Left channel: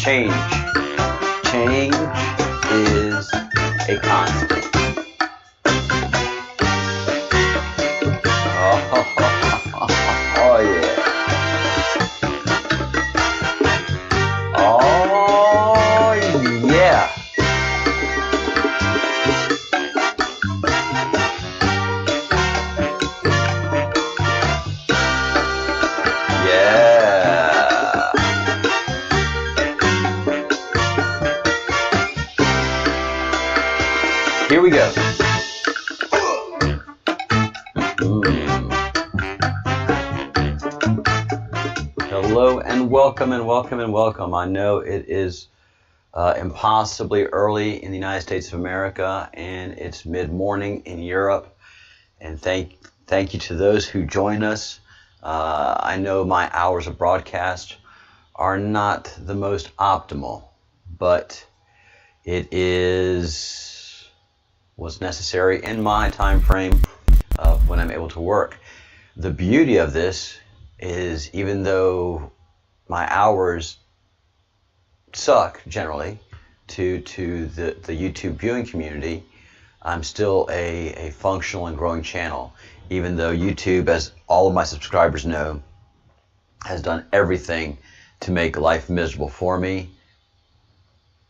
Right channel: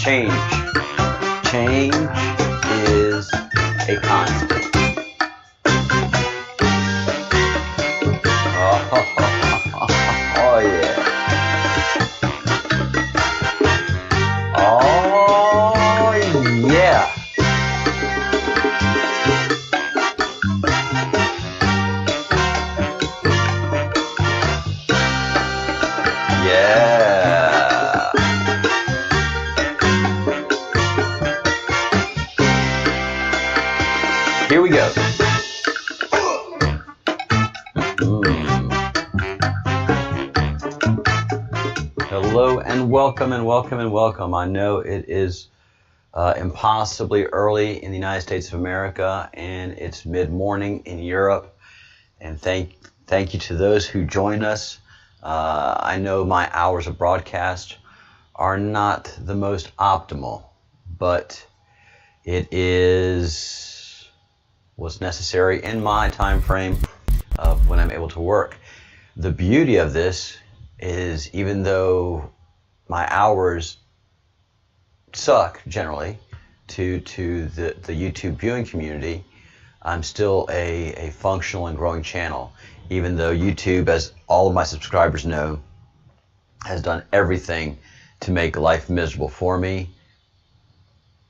Change is a constant. Oh yeah. Oh yeah. Here we go. Hello and welcome and welcome and welcome. I know it is impossibly early in the United States of America, and it's mid-morning in Europe. And thank you to those who join us. I know my hours of broadcast are not the most optimal, but it is what's necessary in my time frame when I'm able to work. The beauty of this is, even though my hours suck generally to the YouTube viewing community, I'm still a functional and growing channel, even though YouTube, as all of my subscribers know, has done everything to make life miserable for me.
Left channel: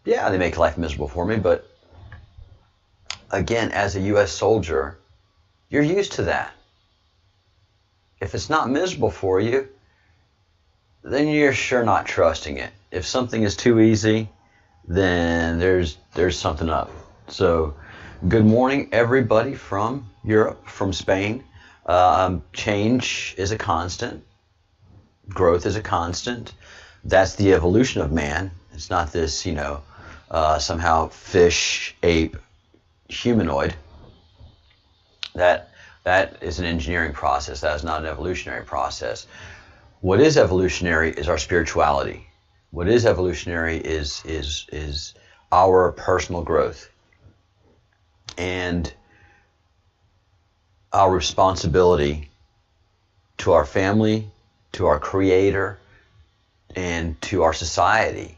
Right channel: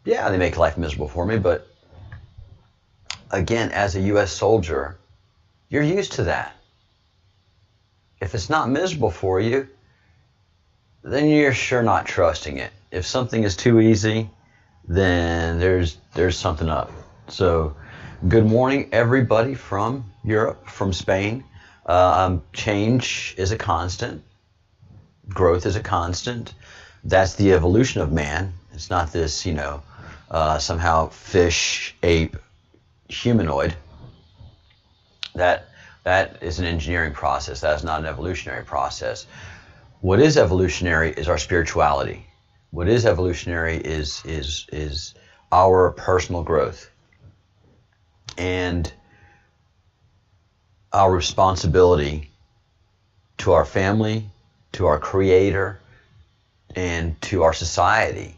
Yeah, they make life miserable for me, but again, as a U.S. soldier, you're used to that. If it's not miserable for you, then you're sure not trusting it. If something is too easy, then there's something up. So, good morning, everybody from Europe, from Spain. Change is a constant. Growth is a constant. That's the evolution of man. It's not this, somehow fish, ape, humanoid. That is an engineering process. That is not an evolutionary process. What is evolutionary is our spirituality. What is evolutionary is our personal growth and our responsibility to our family, to our Creator, and to our society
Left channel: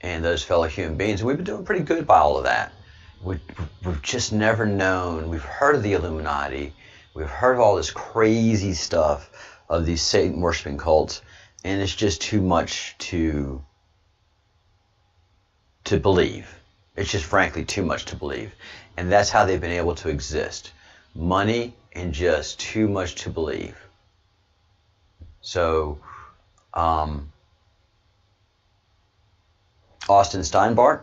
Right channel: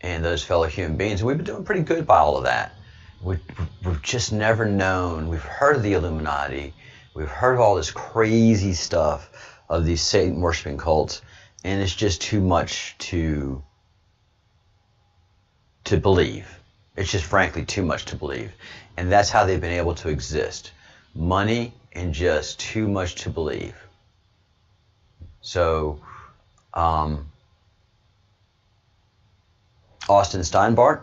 and those fellow human beings. And we've been doing pretty good by all of that. We've just never known. We've heard of the Illuminati. We've heard of all this crazy stuff of these Satan worshiping cults, and it's just too much to believe. It's just frankly too much to believe. And that's how they've been able to exist. Money and just too much to believe. So, Austin Steinbart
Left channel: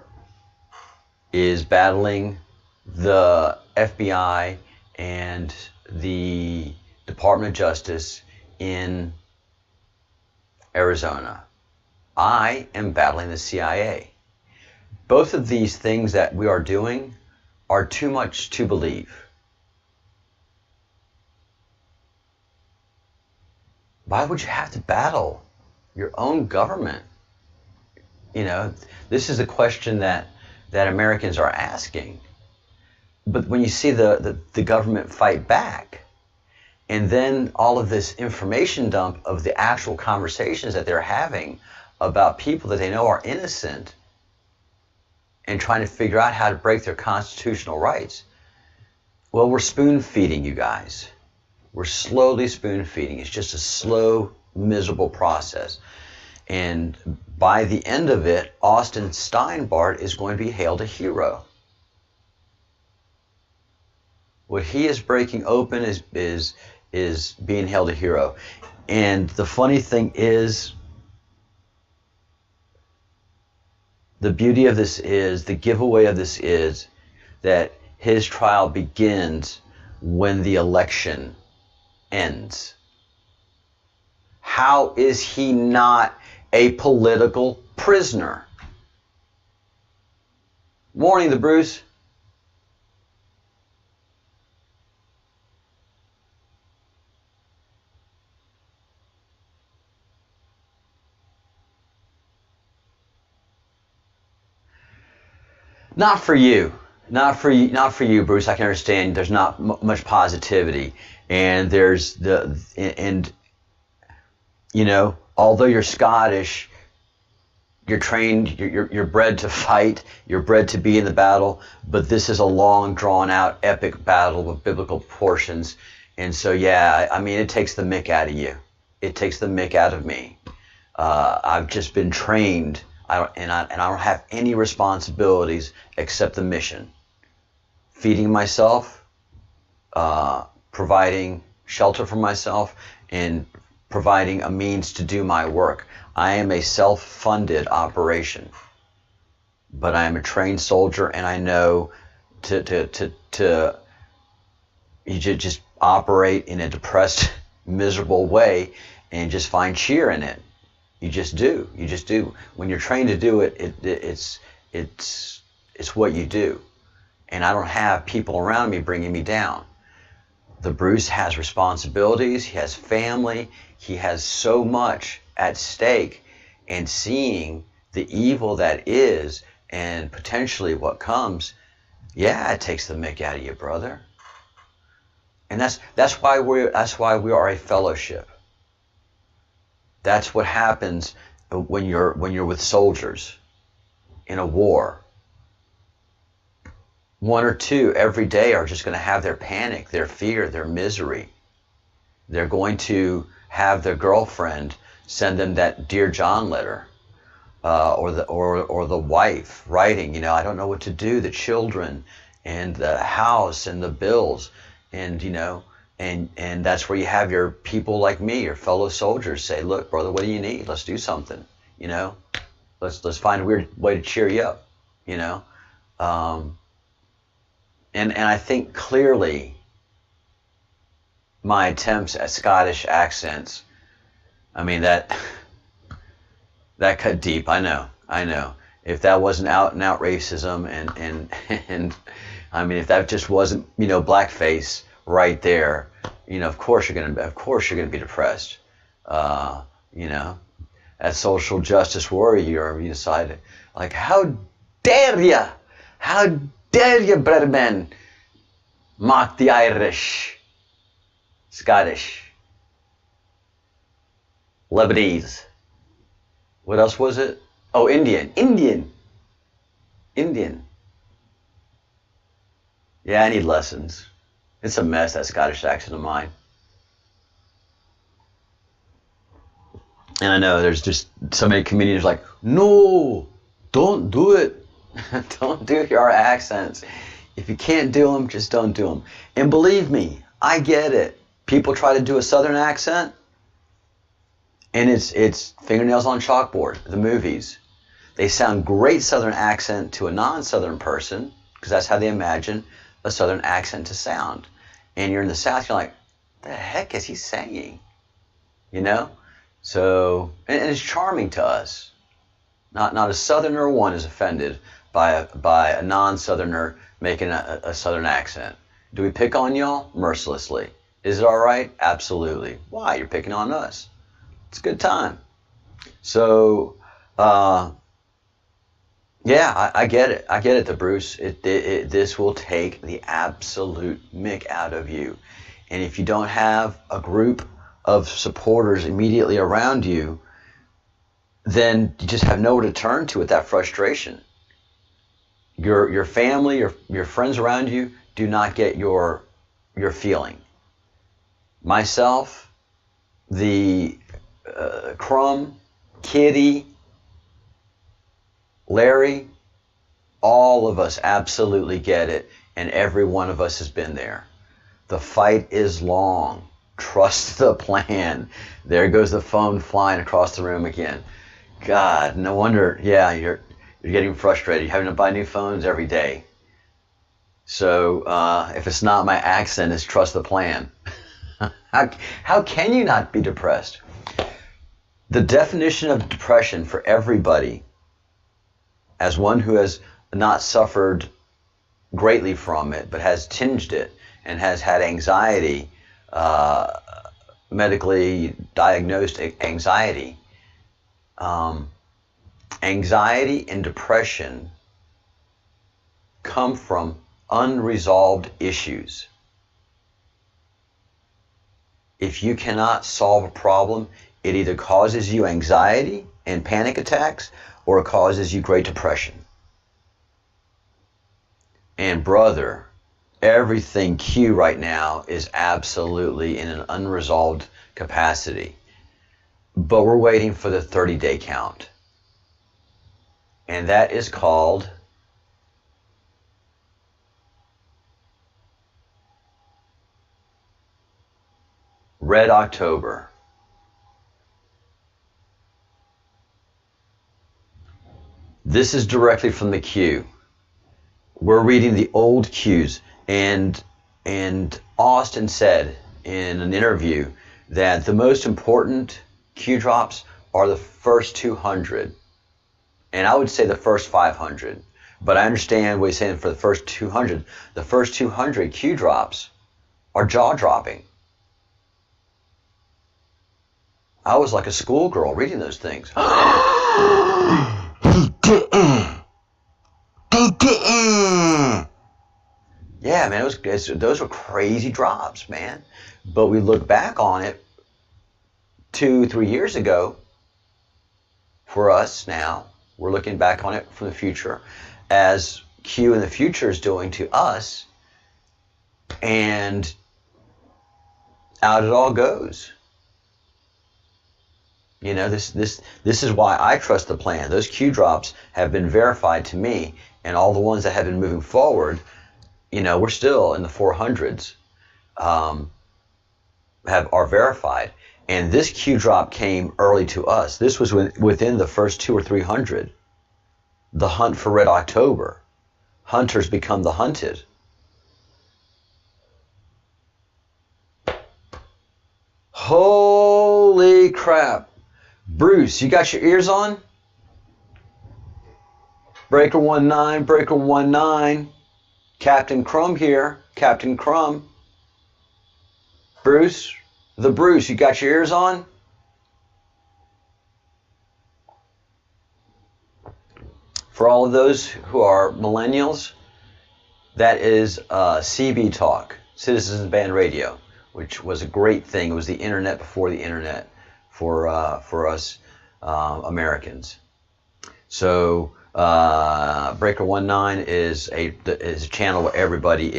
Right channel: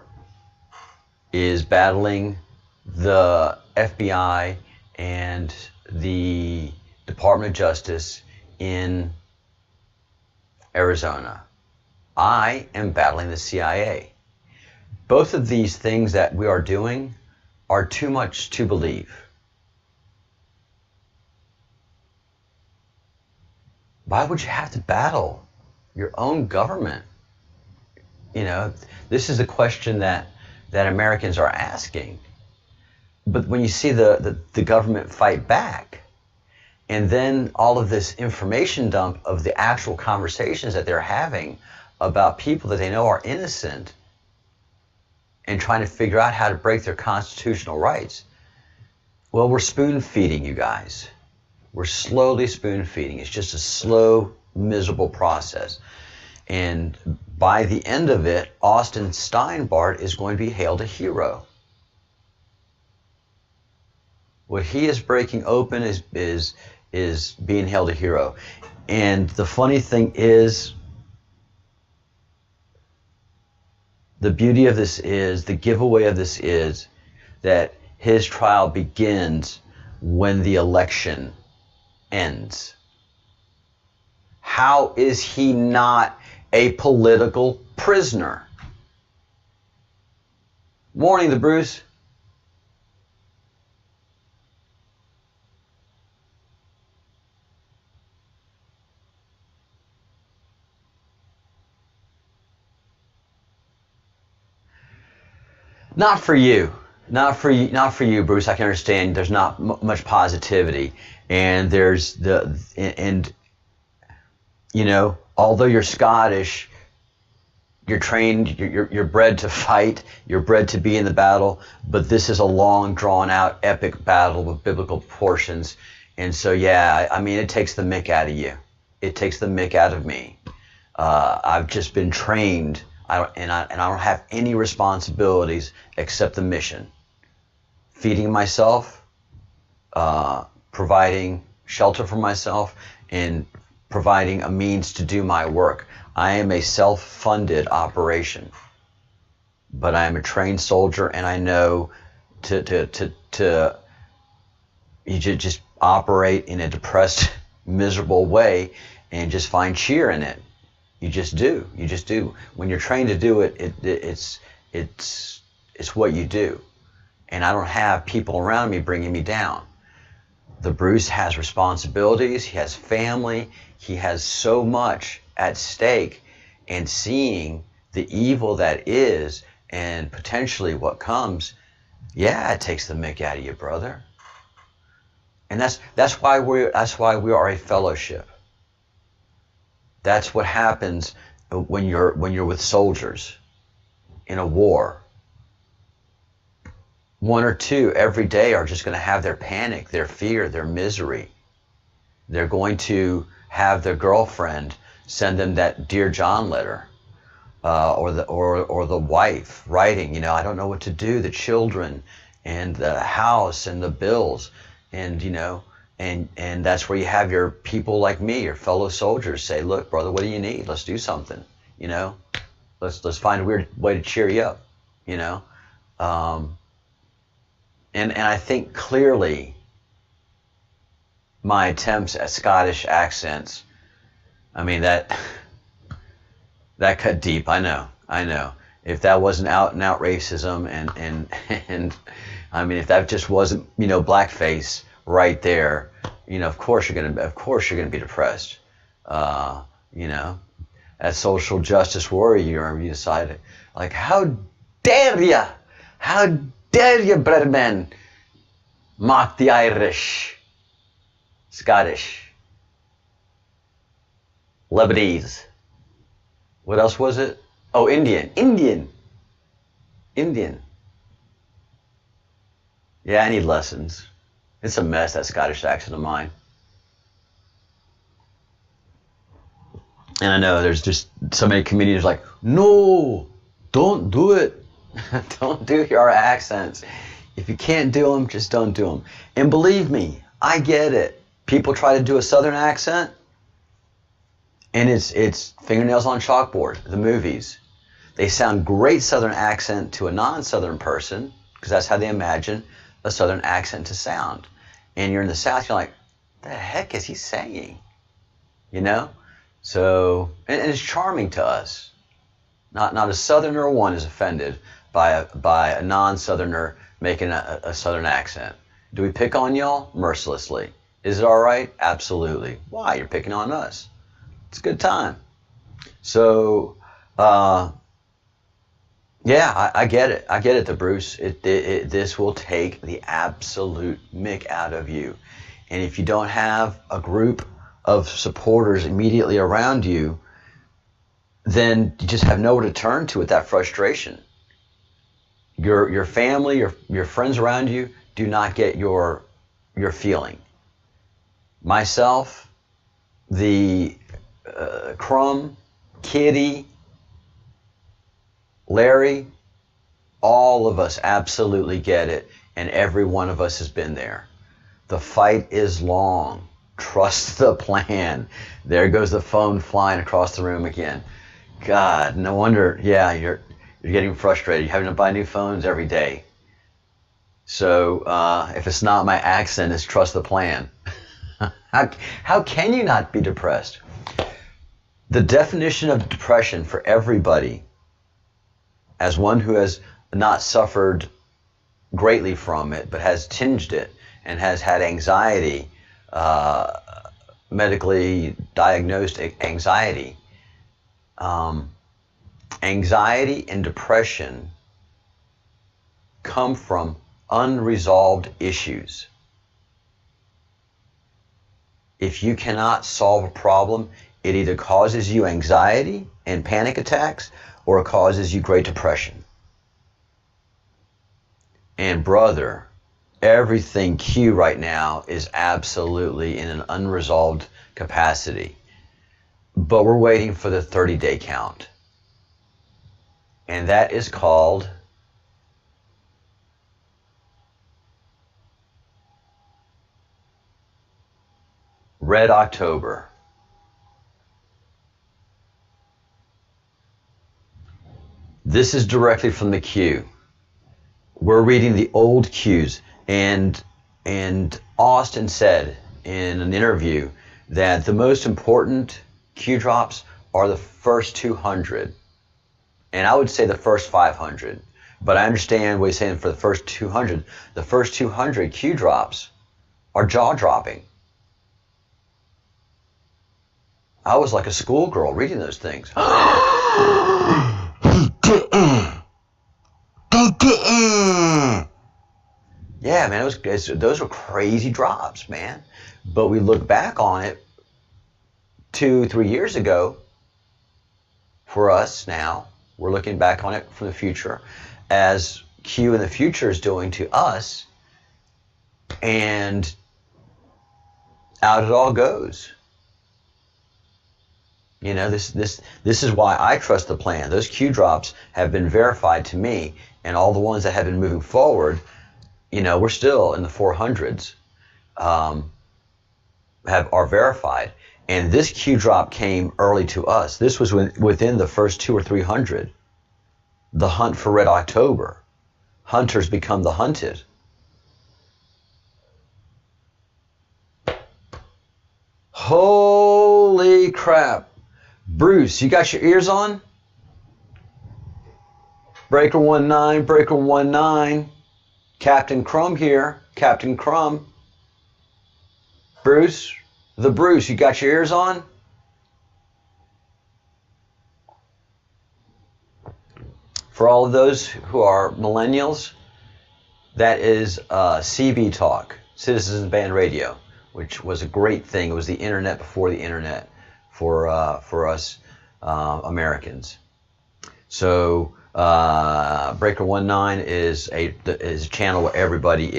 is battling the FBI and the Department of Justice in Arizona. I am battling the CIA. Both of these things that we are doing are too much to believe. Why would you have to battle your own government? This is a question that Americans are asking. But when you see the government fight back, and then all of this information dump of the actual conversations that they're having about people that they know are innocent and trying to figure out how to break their constitutional rights, well, we're spoon-feeding you guys. We're slowly spoon-feeding. It's just a slow, miserable process. And by the end of it, Austin Steinbart is going to be hailed a hero. What he is breaking open is is being hailed a hero. And the funny thing is, the beauty of this is, the giveaway of this is that his trial begins when the election ends. How is he not a political prisoner? Morning, the Bruce. Not for you. Not for you, Bruce. I can understand there's not much positivity, and you know, although you're Scottish, you're trained, you're bred to fight, you're bred to be in the battle, but this is a long, drawn-out, epic battle with biblical proportions. And so, yeah, I mean, it takes the mick out of you. It takes the mick out of me. I've just been trained, and I don't have any responsibilities except the mission. Feeding myself, providing shelter for myself, and providing a means to do my work. I am a self-funded operation, but I am a trained soldier, and I know you just operate in a depressed, miserable way, and just find cheer in it. You just do. You just do. When you're trained to do it, it's what you do. And I don't have people around me bringing me down. The Bruce has responsibilities. He has family. He has so much at stake, and seeing the evil that is and potentially what comes, yeah, it takes the mick out of you, brother. And that's why we are a fellowship. That's what happens when you're with soldiers in a war. One or two every day are just going to have their panic, their fear, their misery. They're going to have their girlfriend send them that Dear John letter, or the wife writing, you know, I don't know what to do, the children and the house and the bills, and you know, and that's where you have your people like me, your fellow soldiers, say, look, brother, what do you need? Let's do something, you know, let's find a weird way to cheer you up, you know. And I think clearly my attempts at Scottish accents, I mean, that cut deep. I know. If that wasn't out and out racism, and I mean, if that just wasn't, you know, blackface right there, you know, of course you're gonna be depressed. You know, as social justice warrior, you decide, like, how dare you, brethren, mock the Irish, Scottish, Lebanese. What else was it? Oh, Indian. Yeah, I need lessons. It's a mess, that Scottish accent of mine. And I know there's just so many comedians like, no, don't do it. Don't do your accents. If you can't do them, just don't do them. And believe me, I get it. People try to do a Southern accent, and it's fingernails on chalkboard, the movies. They sound great Southern accent to a non-Southern person, because that's how they imagine a Southern accent to sound. And you're in the South, you're like, the heck is he saying? You know? So, and it's charming to us. Not a Southerner one is offended by a non-Southerner making a Southern accent. Do we pick on y'all? Mercilessly. Is it all right? Absolutely. Why? You're picking on us. It's a good time. So, yeah, I get it. I get it, the Bruce. This will take the absolute mick out of you. And if you don't have a group of supporters immediately around you, then you just have nowhere to turn to with that frustration. Your family, your friends around you do not get your feeling. Myself, the Crumb, Kitty, Larry, all of us absolutely get it, and every one of us has been there. The fight is long. Trust the plan. There goes the phone flying across the room again. God, no wonder. Yeah, you're getting frustrated. You're having to buy new phones every day. So if it's not my accent, it's trust the plan. How can you not be depressed? The definition of depression for everybody, as one who has not suffered greatly from it, but has tinged it and has had anxiety, medically diagnosed anxiety. Anxiety and depression come from unresolved issues. If you cannot solve a problem, it either causes you anxiety and panic attacks, or it causes you great depression. And brother, everything Q right now is absolutely in an unresolved capacity. But we're waiting for the 30-day count. And that is called Red October. This is directly from the Q. We're reading the old Qs, and Austin said in an interview that the most important Q drops are the first 200, and I would say the first 500. But I understand what he's saying for the first 200. The first 200 Q drops are jaw-dropping. I was like a schoolgirl reading those things. Yeah, man, those were crazy drops, man. But we look back on it 2-3 years ago. For us now, we're looking back on it from the future, as Q in the future is doing to us, and out it all goes. You know, this is why I trust the plan. Those Q drops have been verified to me, and all the ones that have been moving forward, you know, we're still in the 400s, are verified. And this Q drop came early to us. This was within the first 200 or 300. The hunt for Red October. Hunters become the hunted. Holy crap. Bruce, you got your ears on? Breaker 19, Breaker 19. Captain Crumb here. Captain Crumb. Bruce, you got your ears on? For all of those who are millennials, that is CB Talk, Citizens Band Radio, which was a great thing. It was the internet before the internet for us Americans. So Breaker 19 is a channel where everybody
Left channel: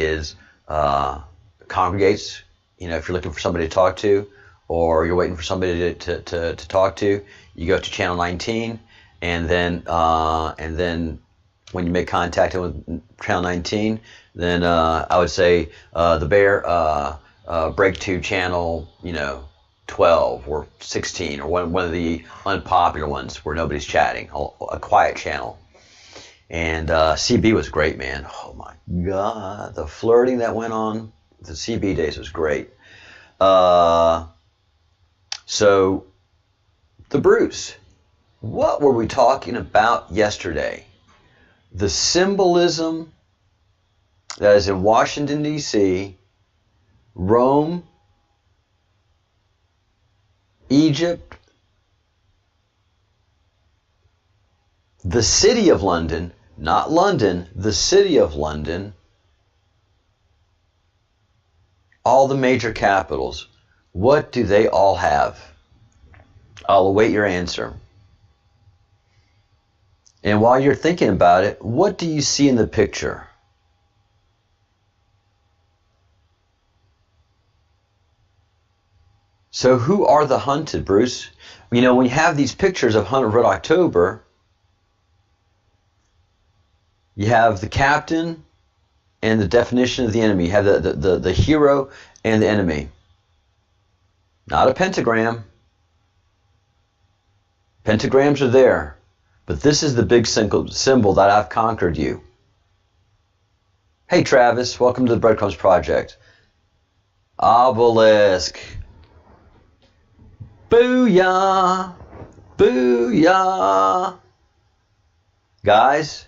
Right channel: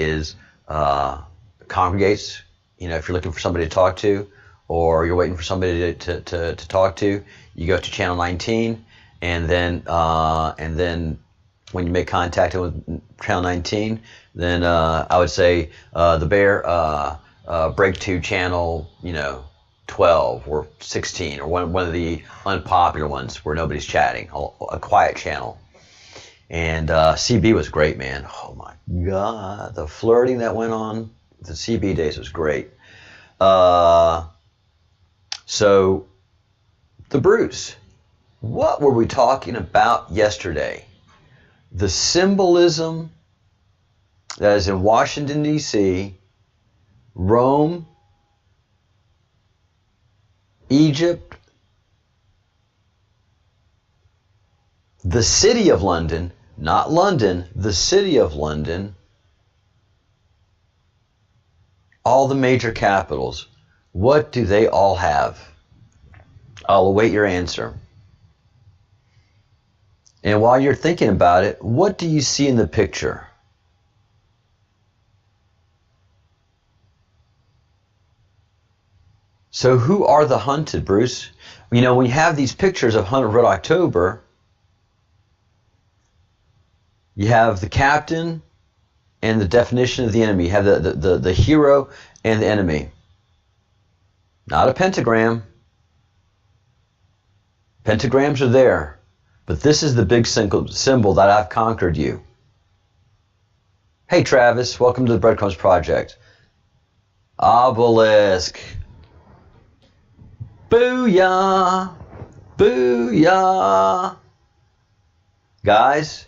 congregates. You know, if you're looking for somebody to talk to, or you're waiting for somebody to talk to, you go to channel 19, and then when you make contact with channel 19, then I would say the bear break to channel 12 or 16, or one of the unpopular ones where nobody's chatting, a quiet channel. And CB was great, man. Oh my God, the flirting that went on the CB days was great. So the Bruce, what were we talking about yesterday? The symbolism that is in Washington, D.C., Rome, Egypt, the city of London, not London, the city of London, all the major capitals. What do they all have? I'll await your answer. And while you're thinking about it, what do you see in the picture? So who are the hunted, Bruce? You know, when you have these pictures of Hunt of Red October, you have the captain and the definition of the enemy. You have the hero and the enemy. Not a pentagram. Pentagrams are there. But this is the big symbol that I've conquered you. Hey Travis, welcome to the Breadcrumbs Project. Obelisk. Booyah! Booyah! Guys,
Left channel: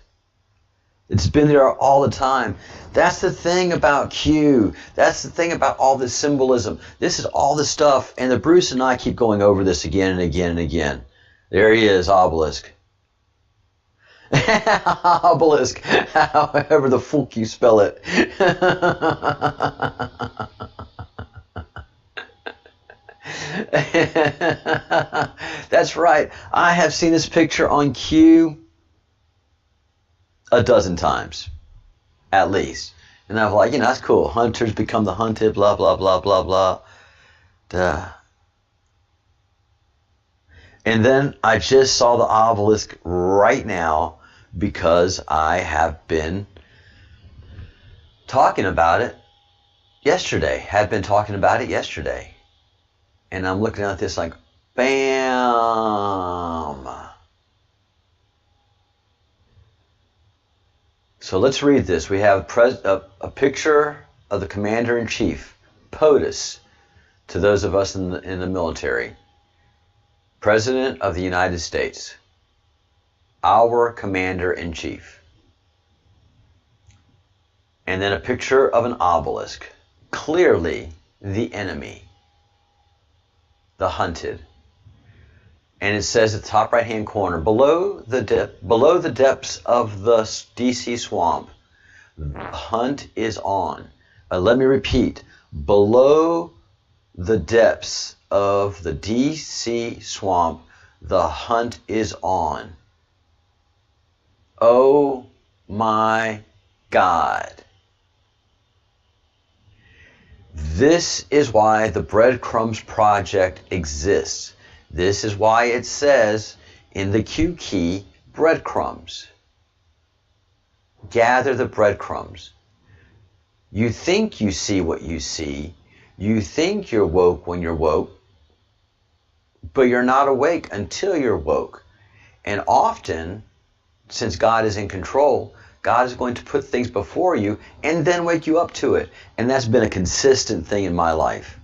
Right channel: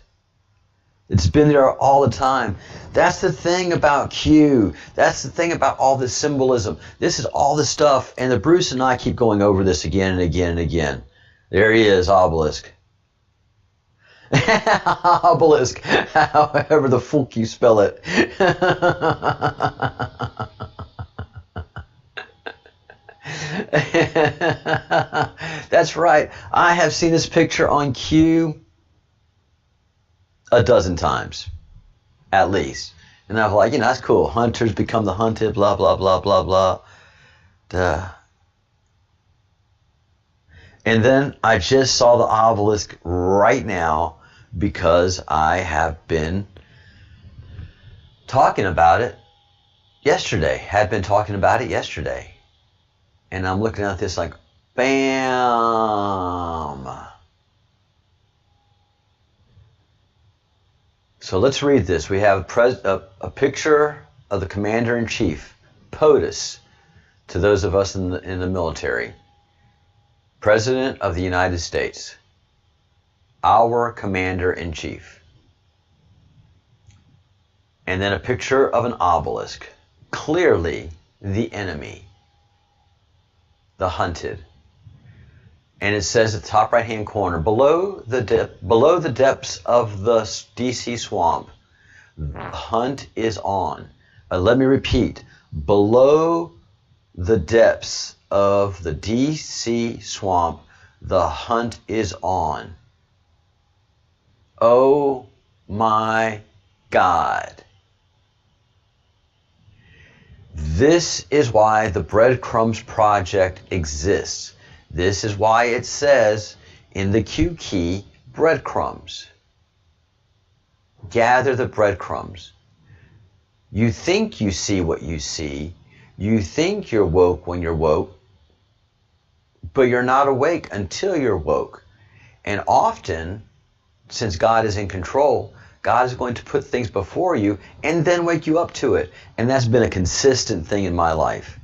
it's been there all the time. That's the thing about Q. That's the thing about all this symbolism. This is all the stuff, and the Bruce and I keep going over this again and again and again. There he is, Obelisk. Obelisk, however the fuck you spell it. That's right. I have seen this picture on Q a dozen times, at least. And I'm like, that's cool. Hunters become the hunted, blah, blah, blah, blah, blah. Duh. And then I just saw the obelisk right now because I have been talking about it yesterday. Had been talking about it yesterday. And I'm looking at this like, bam. So let's read this. We have a picture of the Commander-in-Chief, POTUS, to those of us in the military. President of the United States, our Commander-in-Chief. And then a picture of an obelisk, clearly the enemy, the hunted. And it says at the top right-hand corner, below the depths of the DC swamp, the hunt is on. Let me repeat, below the depths of the DC swamp, the hunt is on. Oh my God. This is why the Breadcrumbs Project exists. This is why it says in the Q key, breadcrumbs. Gather the breadcrumbs. You think you see what you see. You think you're woke when you're woke, but you're not awake until you're woke. And often, since God is in control, God is going to put things before you and then wake you up to it. And that's been a consistent thing in my life.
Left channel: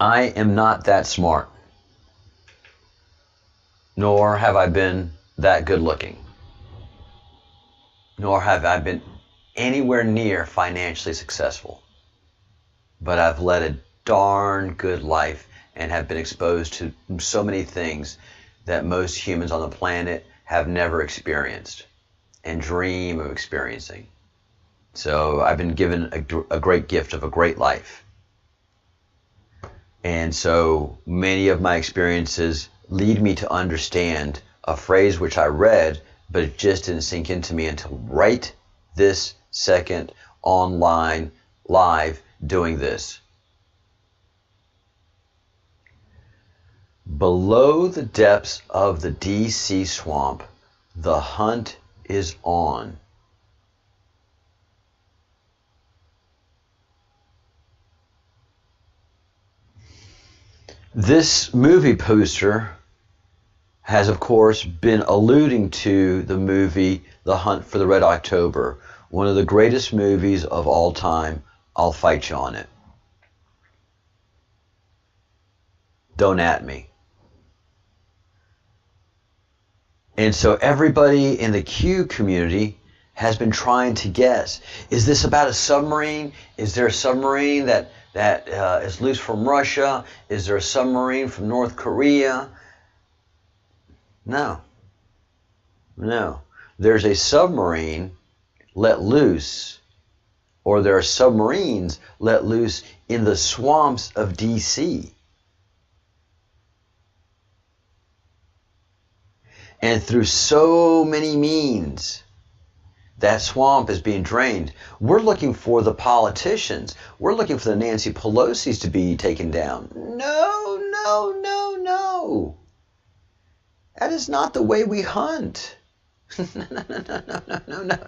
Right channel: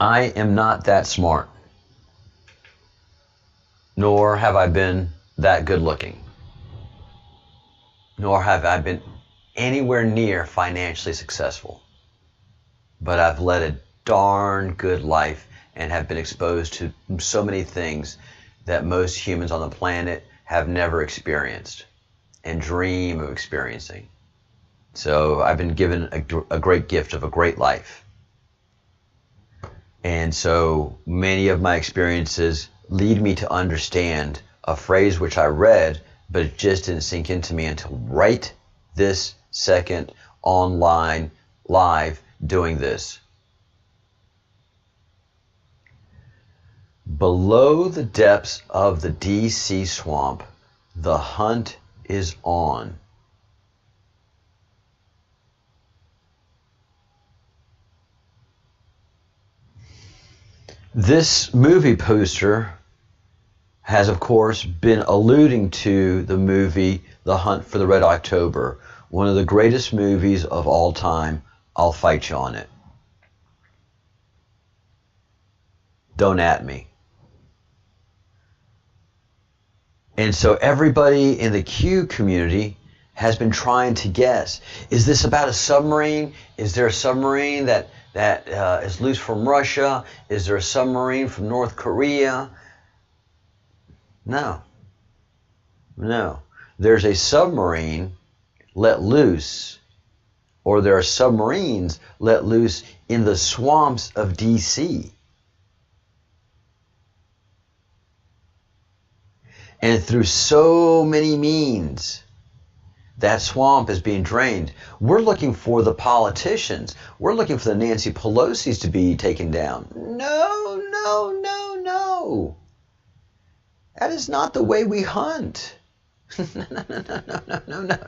I am not that smart, nor have I been that good looking, nor have I been anywhere near financially successful. But I've led a darn good life and have been exposed to so many things that most humans on the planet have never experienced and dream of experiencing. So I've been given a great gift of a great life. And so many of my experiences lead me to understand a phrase which I read, but it just didn't sink into me until right this second, online, live, doing this. Below the depths of the DC swamp, the hunt is on. This movie poster has, of course, been alluding to the movie The Hunt for the Red October, one of the greatest movies of all time. I'll fight you on it. Don't at me. And so everybody in the Q community has been trying to guess. Is this about a submarine? Is there a submarine that is loose from Russia? Is there a submarine from North Korea? No. There's a submarine let loose, or there are submarines let loose in the swamps of DC. And through so many means, that swamp is being drained. We're looking for the politicians. We're looking for the Nancy Pelosi's to be taken down. No. That is not the way we hunt. No.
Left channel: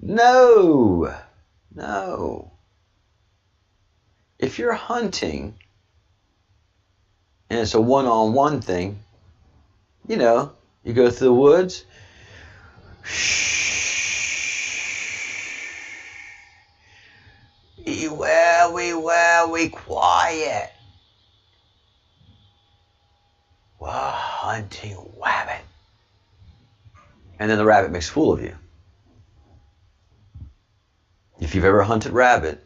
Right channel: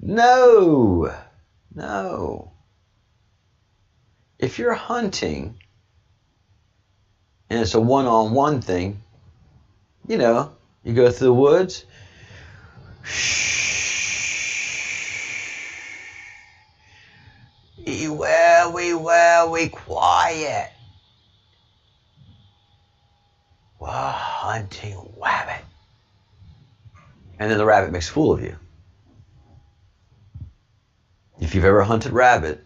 No. No. If you're hunting, and it's a one-on-one thing, you know, you go through the woods, we quiet. We're hunting rabbit. And then the rabbit makes a fool of you. If you've ever hunted rabbit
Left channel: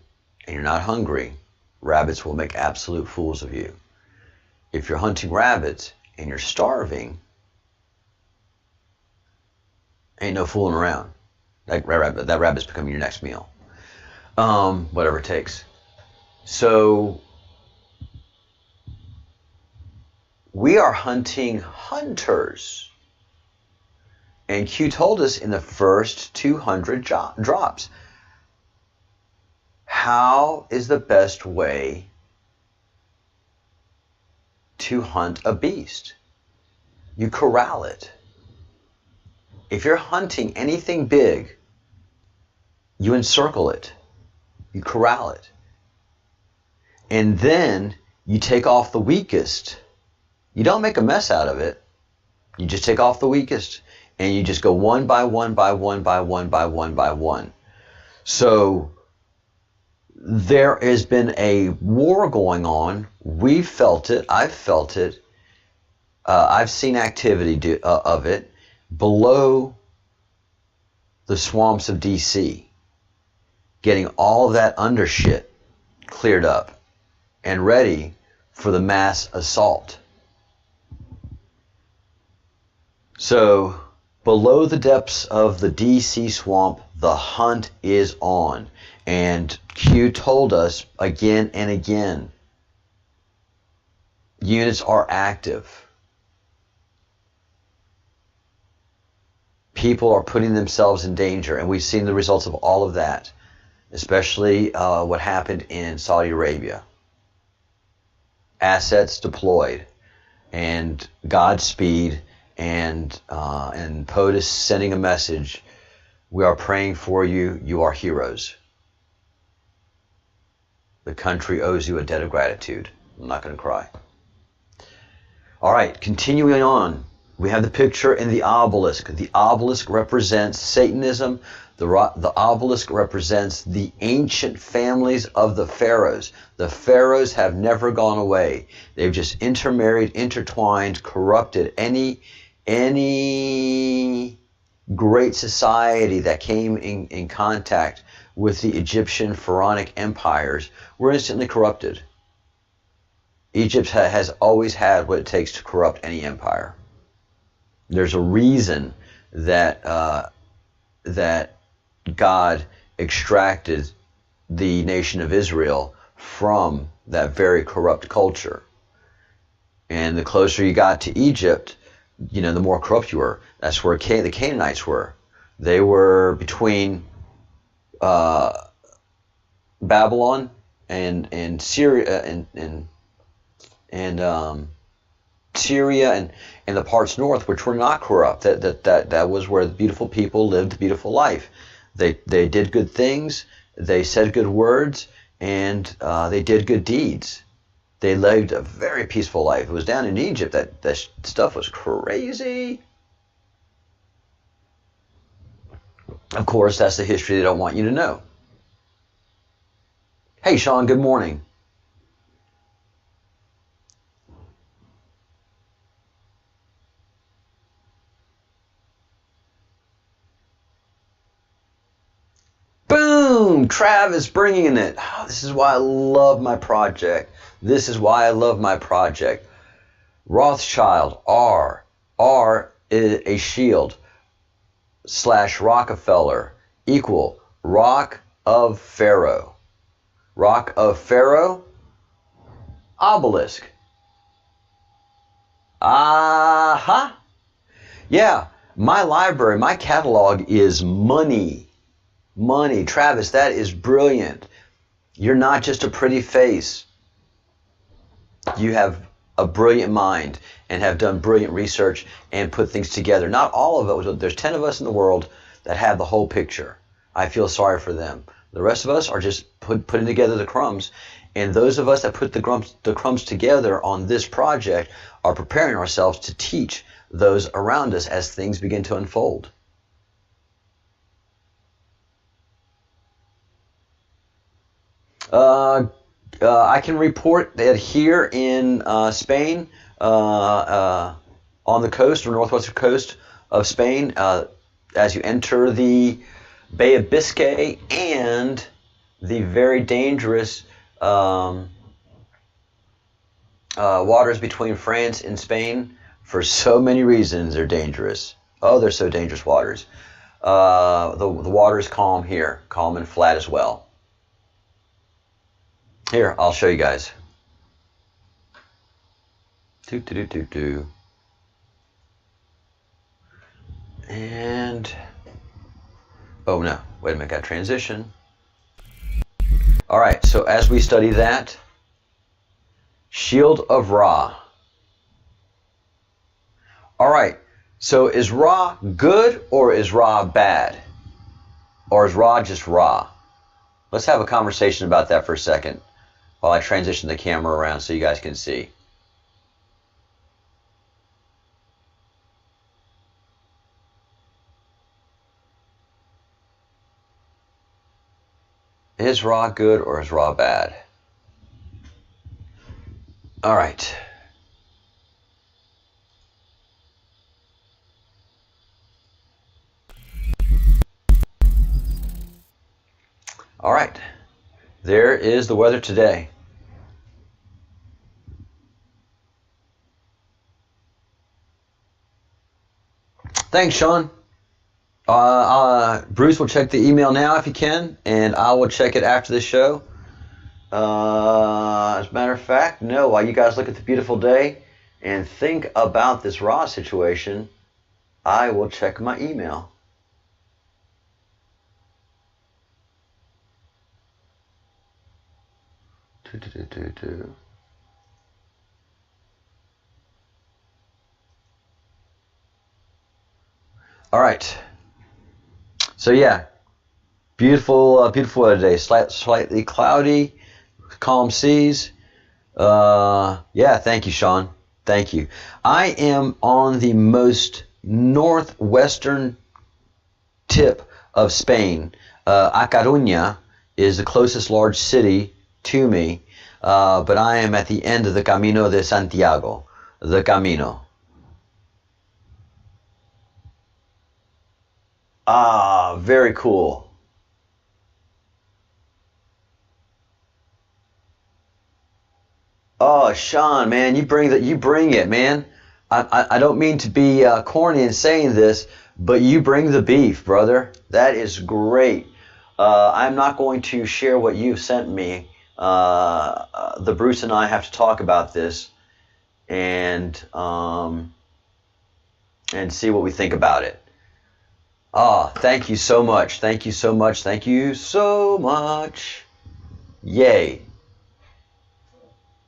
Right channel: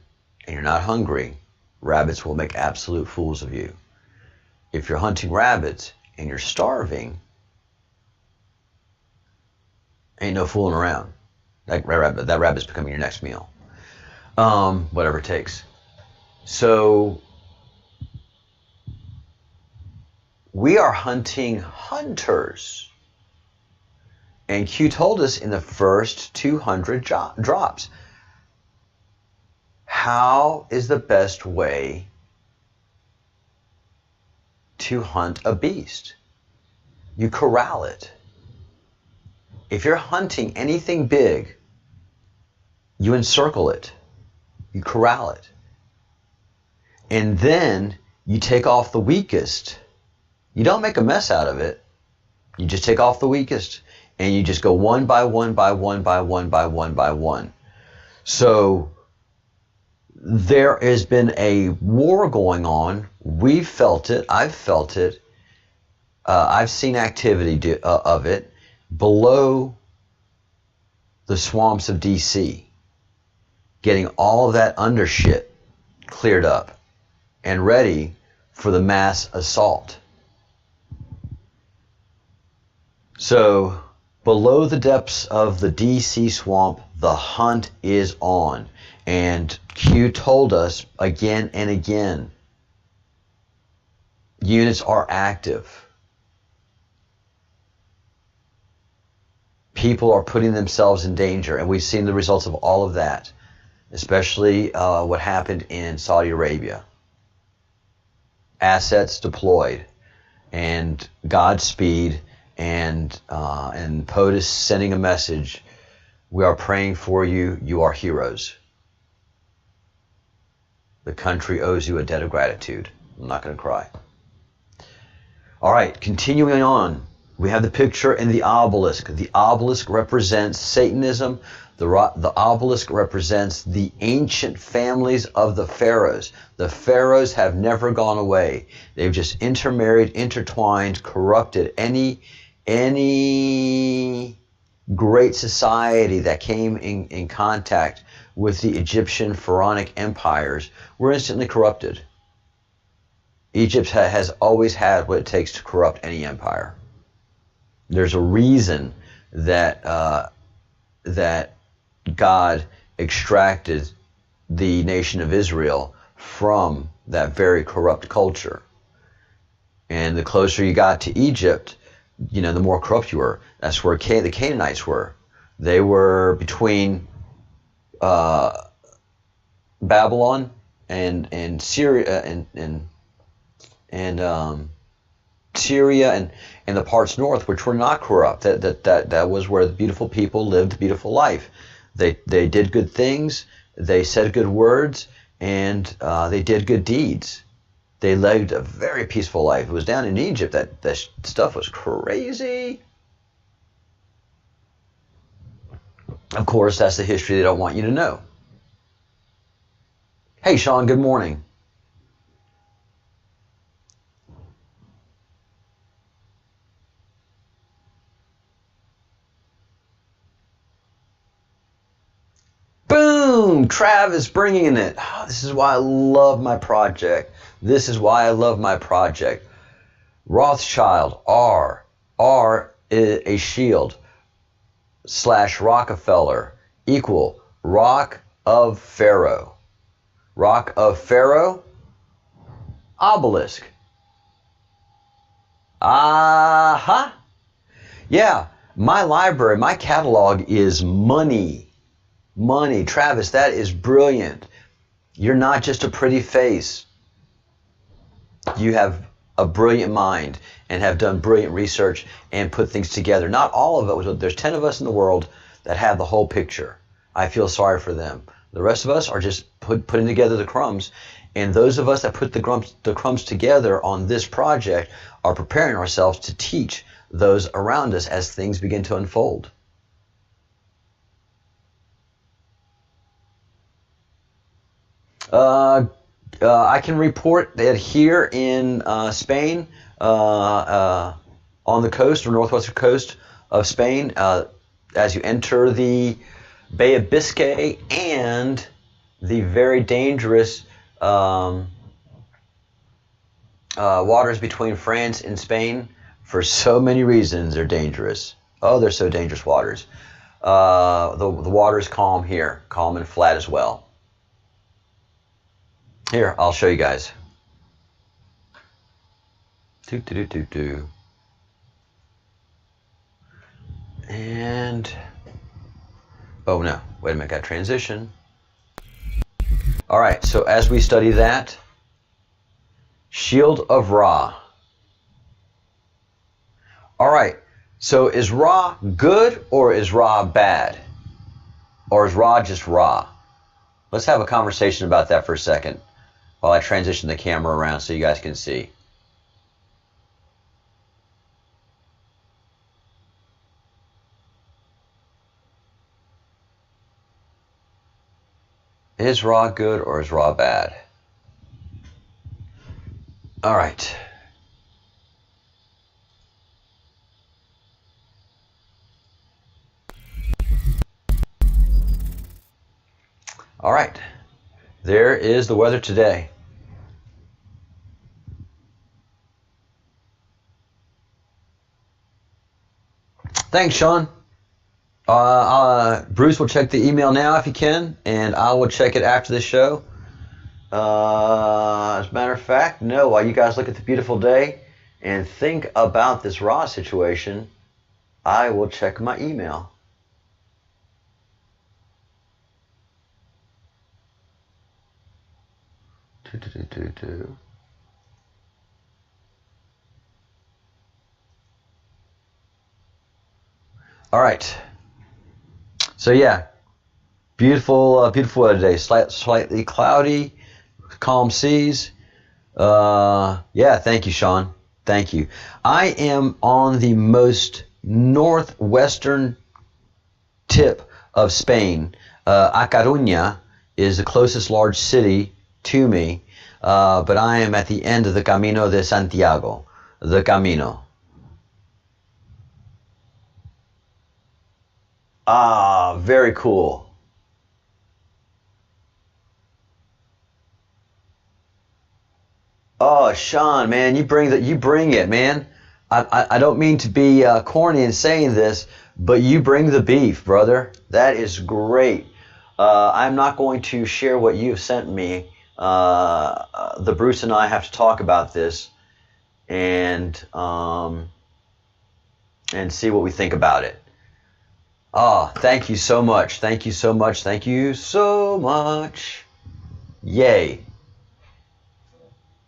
and you're not hungry, rabbits will make absolute fools of you. If you're hunting rabbits and you're starving, ain't no fooling around. That rabbit's becoming your next meal. Whatever it takes. So we are hunting hunters. And Q told us in the first 200 drops, how is the best way to hunt a beast? You corral it. If you're hunting anything big, you encircle it. You corral it. And then you take off the weakest. You don't make a mess out of it. You just take off the weakest. And you just go one by one by one by one by one by one. So there has been a war going on. We've felt it. I've felt it. I've seen activity of it below the swamps of D.C. Getting all of that undershit cleared up and ready for the mass assault. So below the depths of the D.C. swamp, the hunt is on. And Q told us again and again, units are active. People are putting themselves in danger, and we've seen the results of all of that, especially what happened in Saudi Arabia. Assets deployed, and Godspeed, and POTUS sending a message, we are praying for you, you are heroes. The country owes you a debt of gratitude. I'm not going to cry. All right, continuing on. We have the picture in the obelisk. The obelisk represents Satanism. The obelisk represents the ancient families of the pharaohs. The pharaohs have never gone away. They've just intermarried, intertwined, corrupted. Any great society that came in contact with the Egyptian pharaonic empires were instantly corrupted. Egypt has always had what it takes to corrupt any empire. There's a reason that that God extracted the nation of Israel from that very corrupt culture. And the closer you got to Egypt, you know, the more corrupt you were. That's where the Canaanites were. They were between Babylon and Syria and Syria and the parts north, which were not corrupt. That was where the beautiful people lived a beautiful life. They did good things, they said good words, and they did good deeds. They lived a very peaceful life. It was down in Egypt that stuff was crazy. Of course, that's the history they don't want you to know. Hey, Sean, good morning. Boom! Travis bringing it. Oh, this is why I love my project. This is why I love my project. Rothschild, R is a shield, / Rockefeller equal Rock of Pharaoh. Rock of Pharaoh, obelisk. Aha! Yeah, my library, my catalog is money. Money. Travis, that is brilliant. You're not just a pretty face. You have a brilliant mind and have done brilliant research and put things together. Not all of it. There's 10 of us in the world that have the whole picture. I feel sorry for them. The rest of us are just putting together the crumbs. And those of us that put the crumbs together on this project are preparing ourselves to teach those around us as things begin to unfold. I can report that here in Spain, on the coast or northwestern coast of Spain, as you enter the Bay of Biscay and the very dangerous waters between France and Spain, for so many reasons they're dangerous. Oh, they're so dangerous waters. The water is calm here, calm and flat as well. Here, I'll show you guys. And, oh no, wait a minute, got transition. All right, so as we study that, Shield of Ra. All right, so is Ra good or is Ra bad? Or is Ra just Ra? Let's have a conversation about that for a second while I transition the camera around so you guys can see. Is Ra good or is Ra bad? All right. All right. There is the weather today. Thanks, Sean. Bruce will check the email now if he can, and I will check it after the show. As a matter of fact, no, while you guys look at the beautiful day and think about this Ra situation, I will check my email. All right. So yeah, beautiful weather today. Slightly cloudy, calm seas. Yeah, thank you, Sean. Thank you. I am on the most northwestern tip of Spain. A Coruña is the closest large city to me, but I am at the end of the Camino de Santiago, the Camino. Ah, very cool. Oh, Sean, man, you bring it, man. I don't mean to be corny in saying this, but you bring the beef, brother. That is great. I'm not going to share what you've sent me. The Bruce and I have to talk about this and see what we think about it. Oh, thank you so much. Thank you so much. Thank you so much. Yay.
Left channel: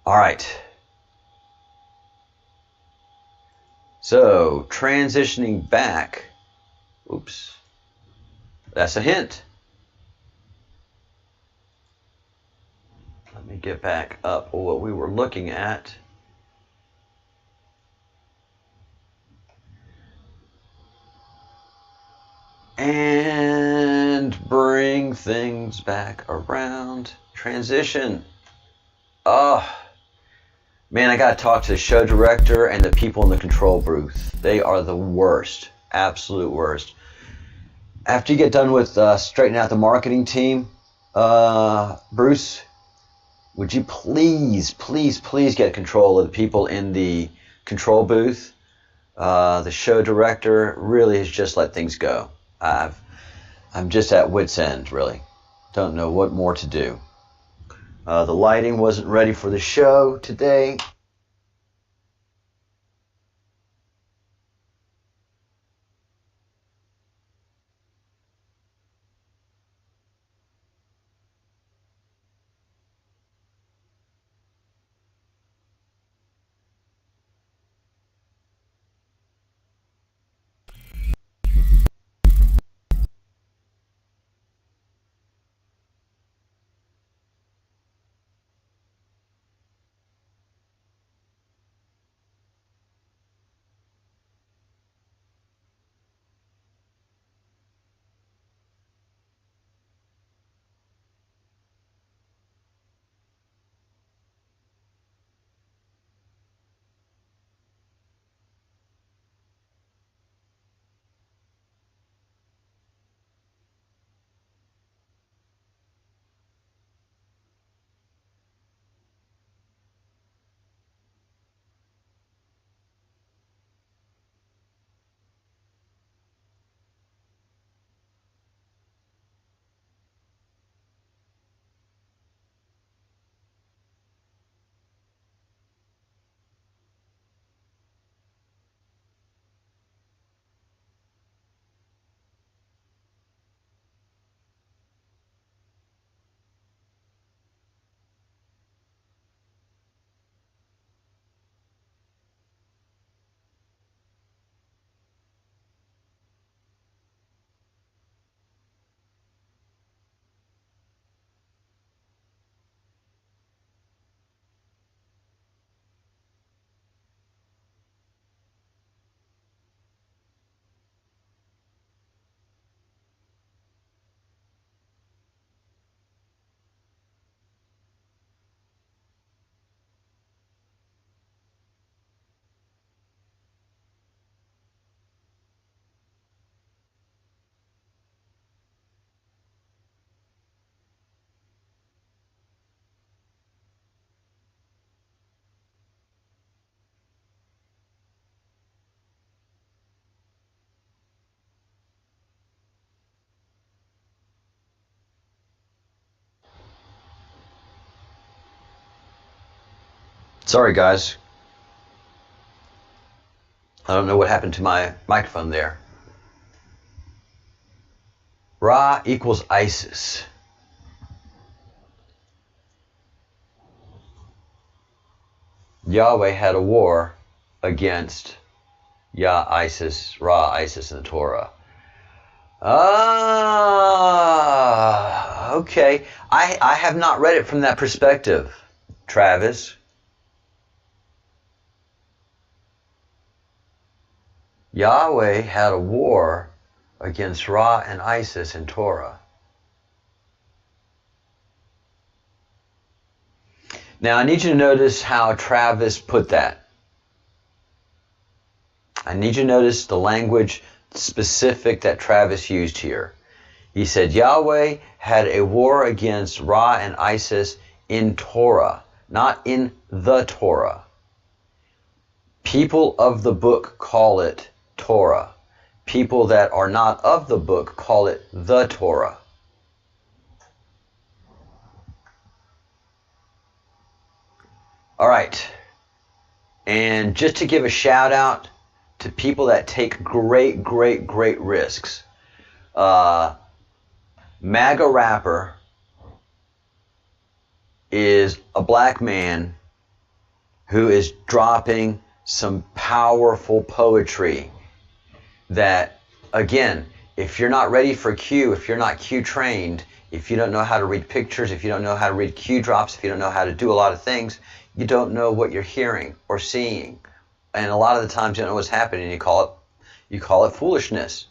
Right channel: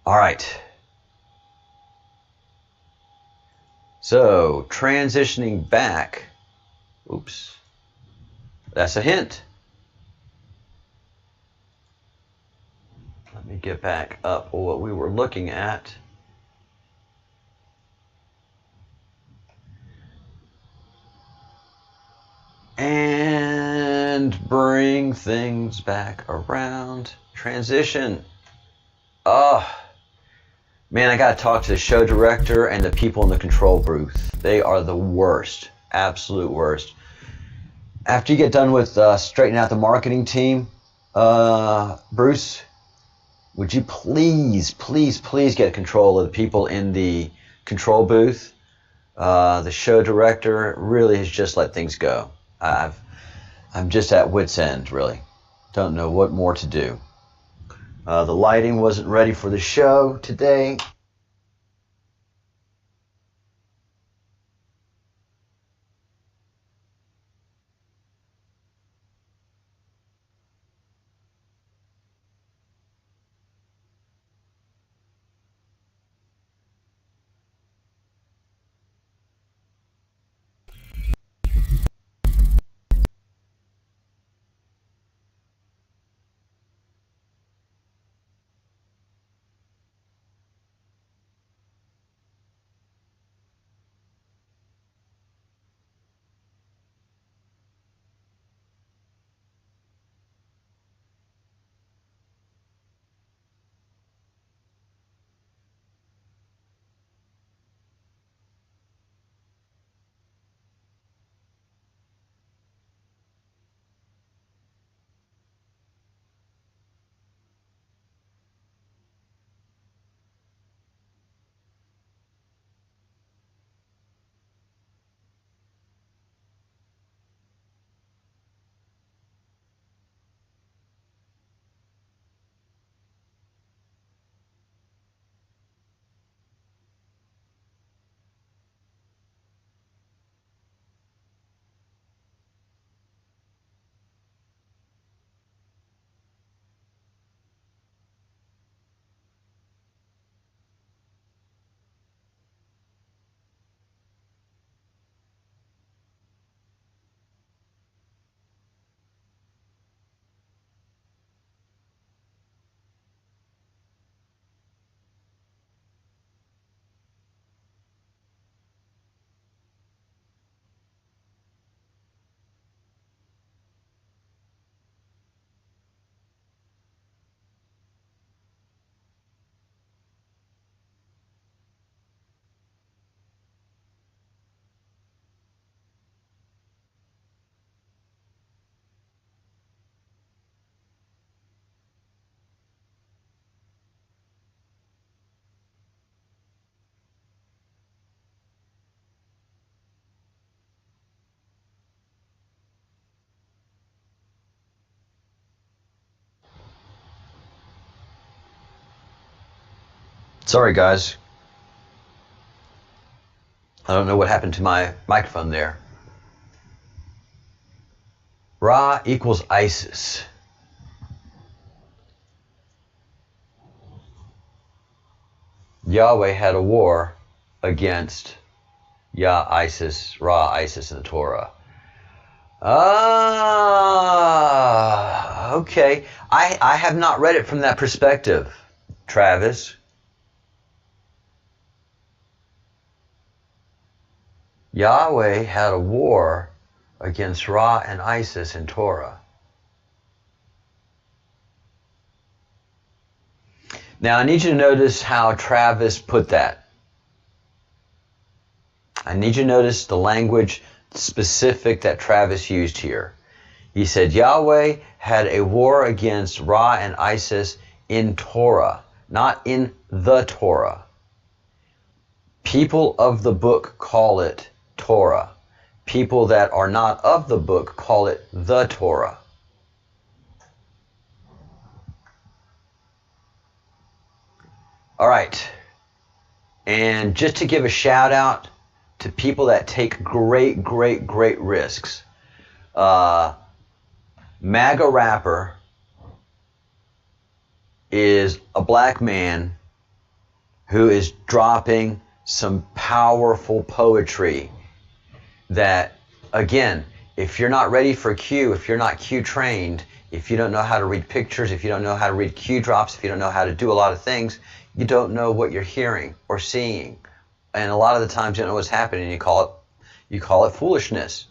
All right. So, transitioning back. Oops. That's a hint. Let me get back up what we were looking at. And bring things back around. Transition. Oh, man, I got to talk to the show director and the people in the control booth. They are the worst. Absolute worst. After you get done with straightening out the marketing team, Bruce, would you please get control of the people in the control booth? The show director really has just let things go. I'm just at wit's end, really. Don't know what more to do. The lighting wasn't ready for the show today. Sorry, guys. I don't know what happened to my microphone there. Ra equals ISIS. Yahweh had a war against ISIS, Ra, ISIS in the Torah. Okay. I have not read it from that perspective, Travis. Yahweh had a war against Ra and ISIS in Torah. Now, I need you to notice how Travis put that. I need you to notice the language specific that Travis used here. He said Yahweh had a war against Ra and ISIS in Torah, not in the Torah. People of the book call it Torah. People that are not of the book call it the Torah. All right. And just to give a shout out to people that take great risks. MAGA rapper is a black man who is dropping some powerful poetry that, again, if you're not ready for Q, if you're not Q trained, if you don't know how to read pictures, if you don't know how to read Q drops, if you don't know how to do a lot of things, you don't know what you're hearing or seeing. And a lot of the times you don't know what's happening, you call it foolishness.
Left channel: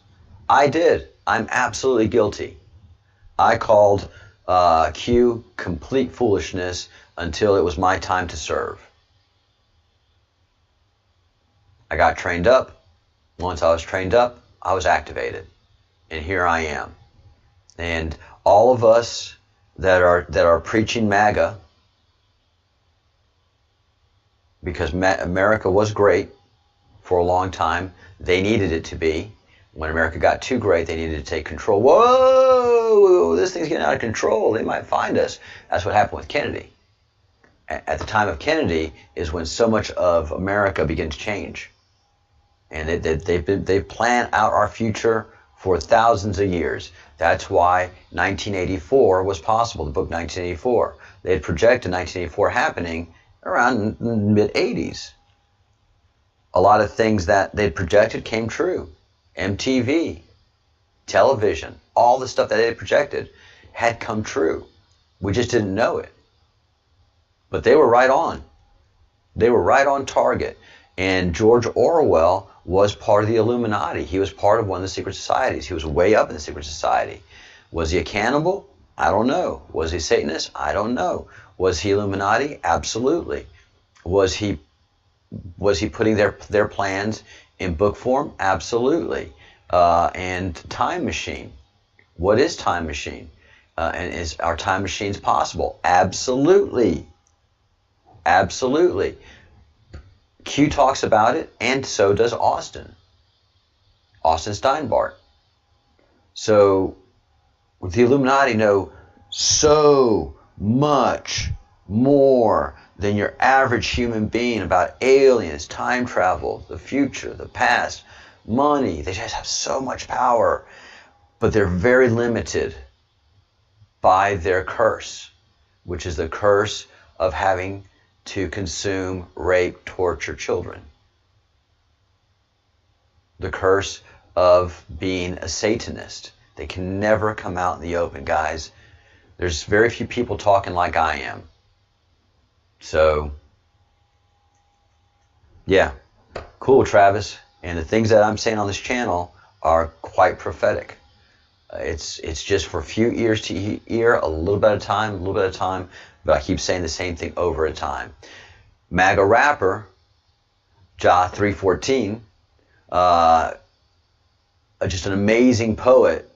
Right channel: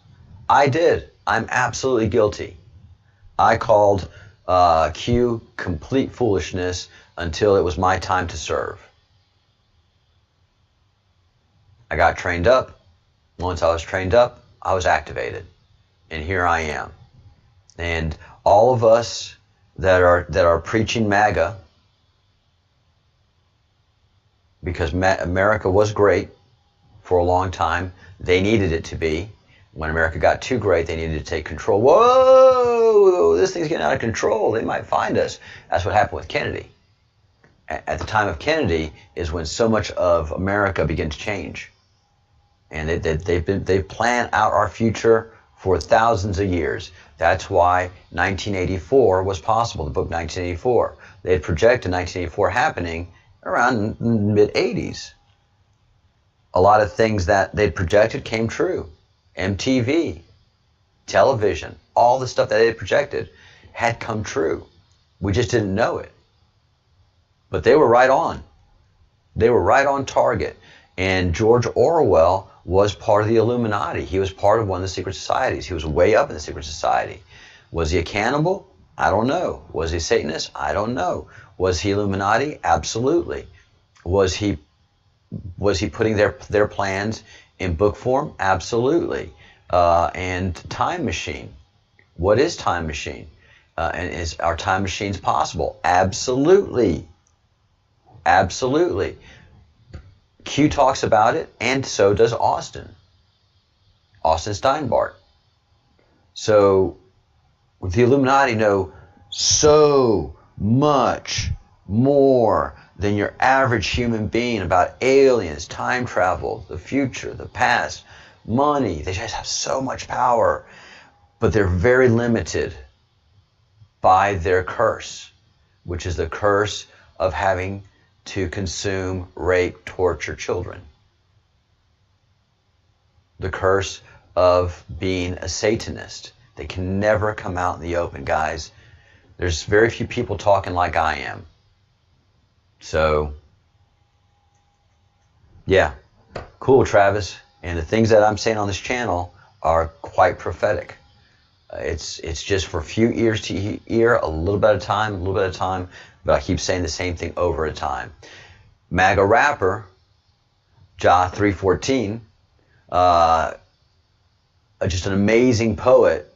I did. I'm absolutely guilty. I called Q complete foolishness until it was my time to serve. I got trained up. Once I was trained up, I was activated. And here I am. And all of us that are preaching MAGA, because America was great for a long time. They needed it to be. When America got too great, they needed to take control. Whoa, this thing's getting out of control. They might find us. That's what happened with Kennedy. At the time of Kennedy is when so much of America began to change. And they've planned out our future for thousands of years. That's why 1984 was possible, the book 1984. They had projected 1984 happening around mid-80s. A lot of things that they'd projected came true. MTV, television, all the stuff that they had projected had come true. We just didn't know it. But they were right on. They were right on target. And George Orwell was part of the Illuminati. He was part of one of the secret societies. He was way up in the secret society. Was he a cannibal? I don't know. Was he a Satanist? I don't know. Was he Illuminati? Absolutely. Was he putting their plans in book form? Absolutely. And time machine. What is time machine? And is our time machines possible? Absolutely. Absolutely. Q talks about it, and so does Austin Steinbart. So the Illuminati know so much more than your average human being about aliens, time travel, the future, the past, money. They just have so much power, but they're very limited by their curse, which is the curse of having to consume, rape, torture children. The curse of being a Satanist. They can never come out in the open, guys. There's very few people talking like I am. So, yeah, cool, Travis. And the things that I'm saying on this channel are quite prophetic. It's just for a few ears to ear, a little bit at a time, but I keep saying the same thing over a time. MAGA rapper, Ja 314, just an amazing poet,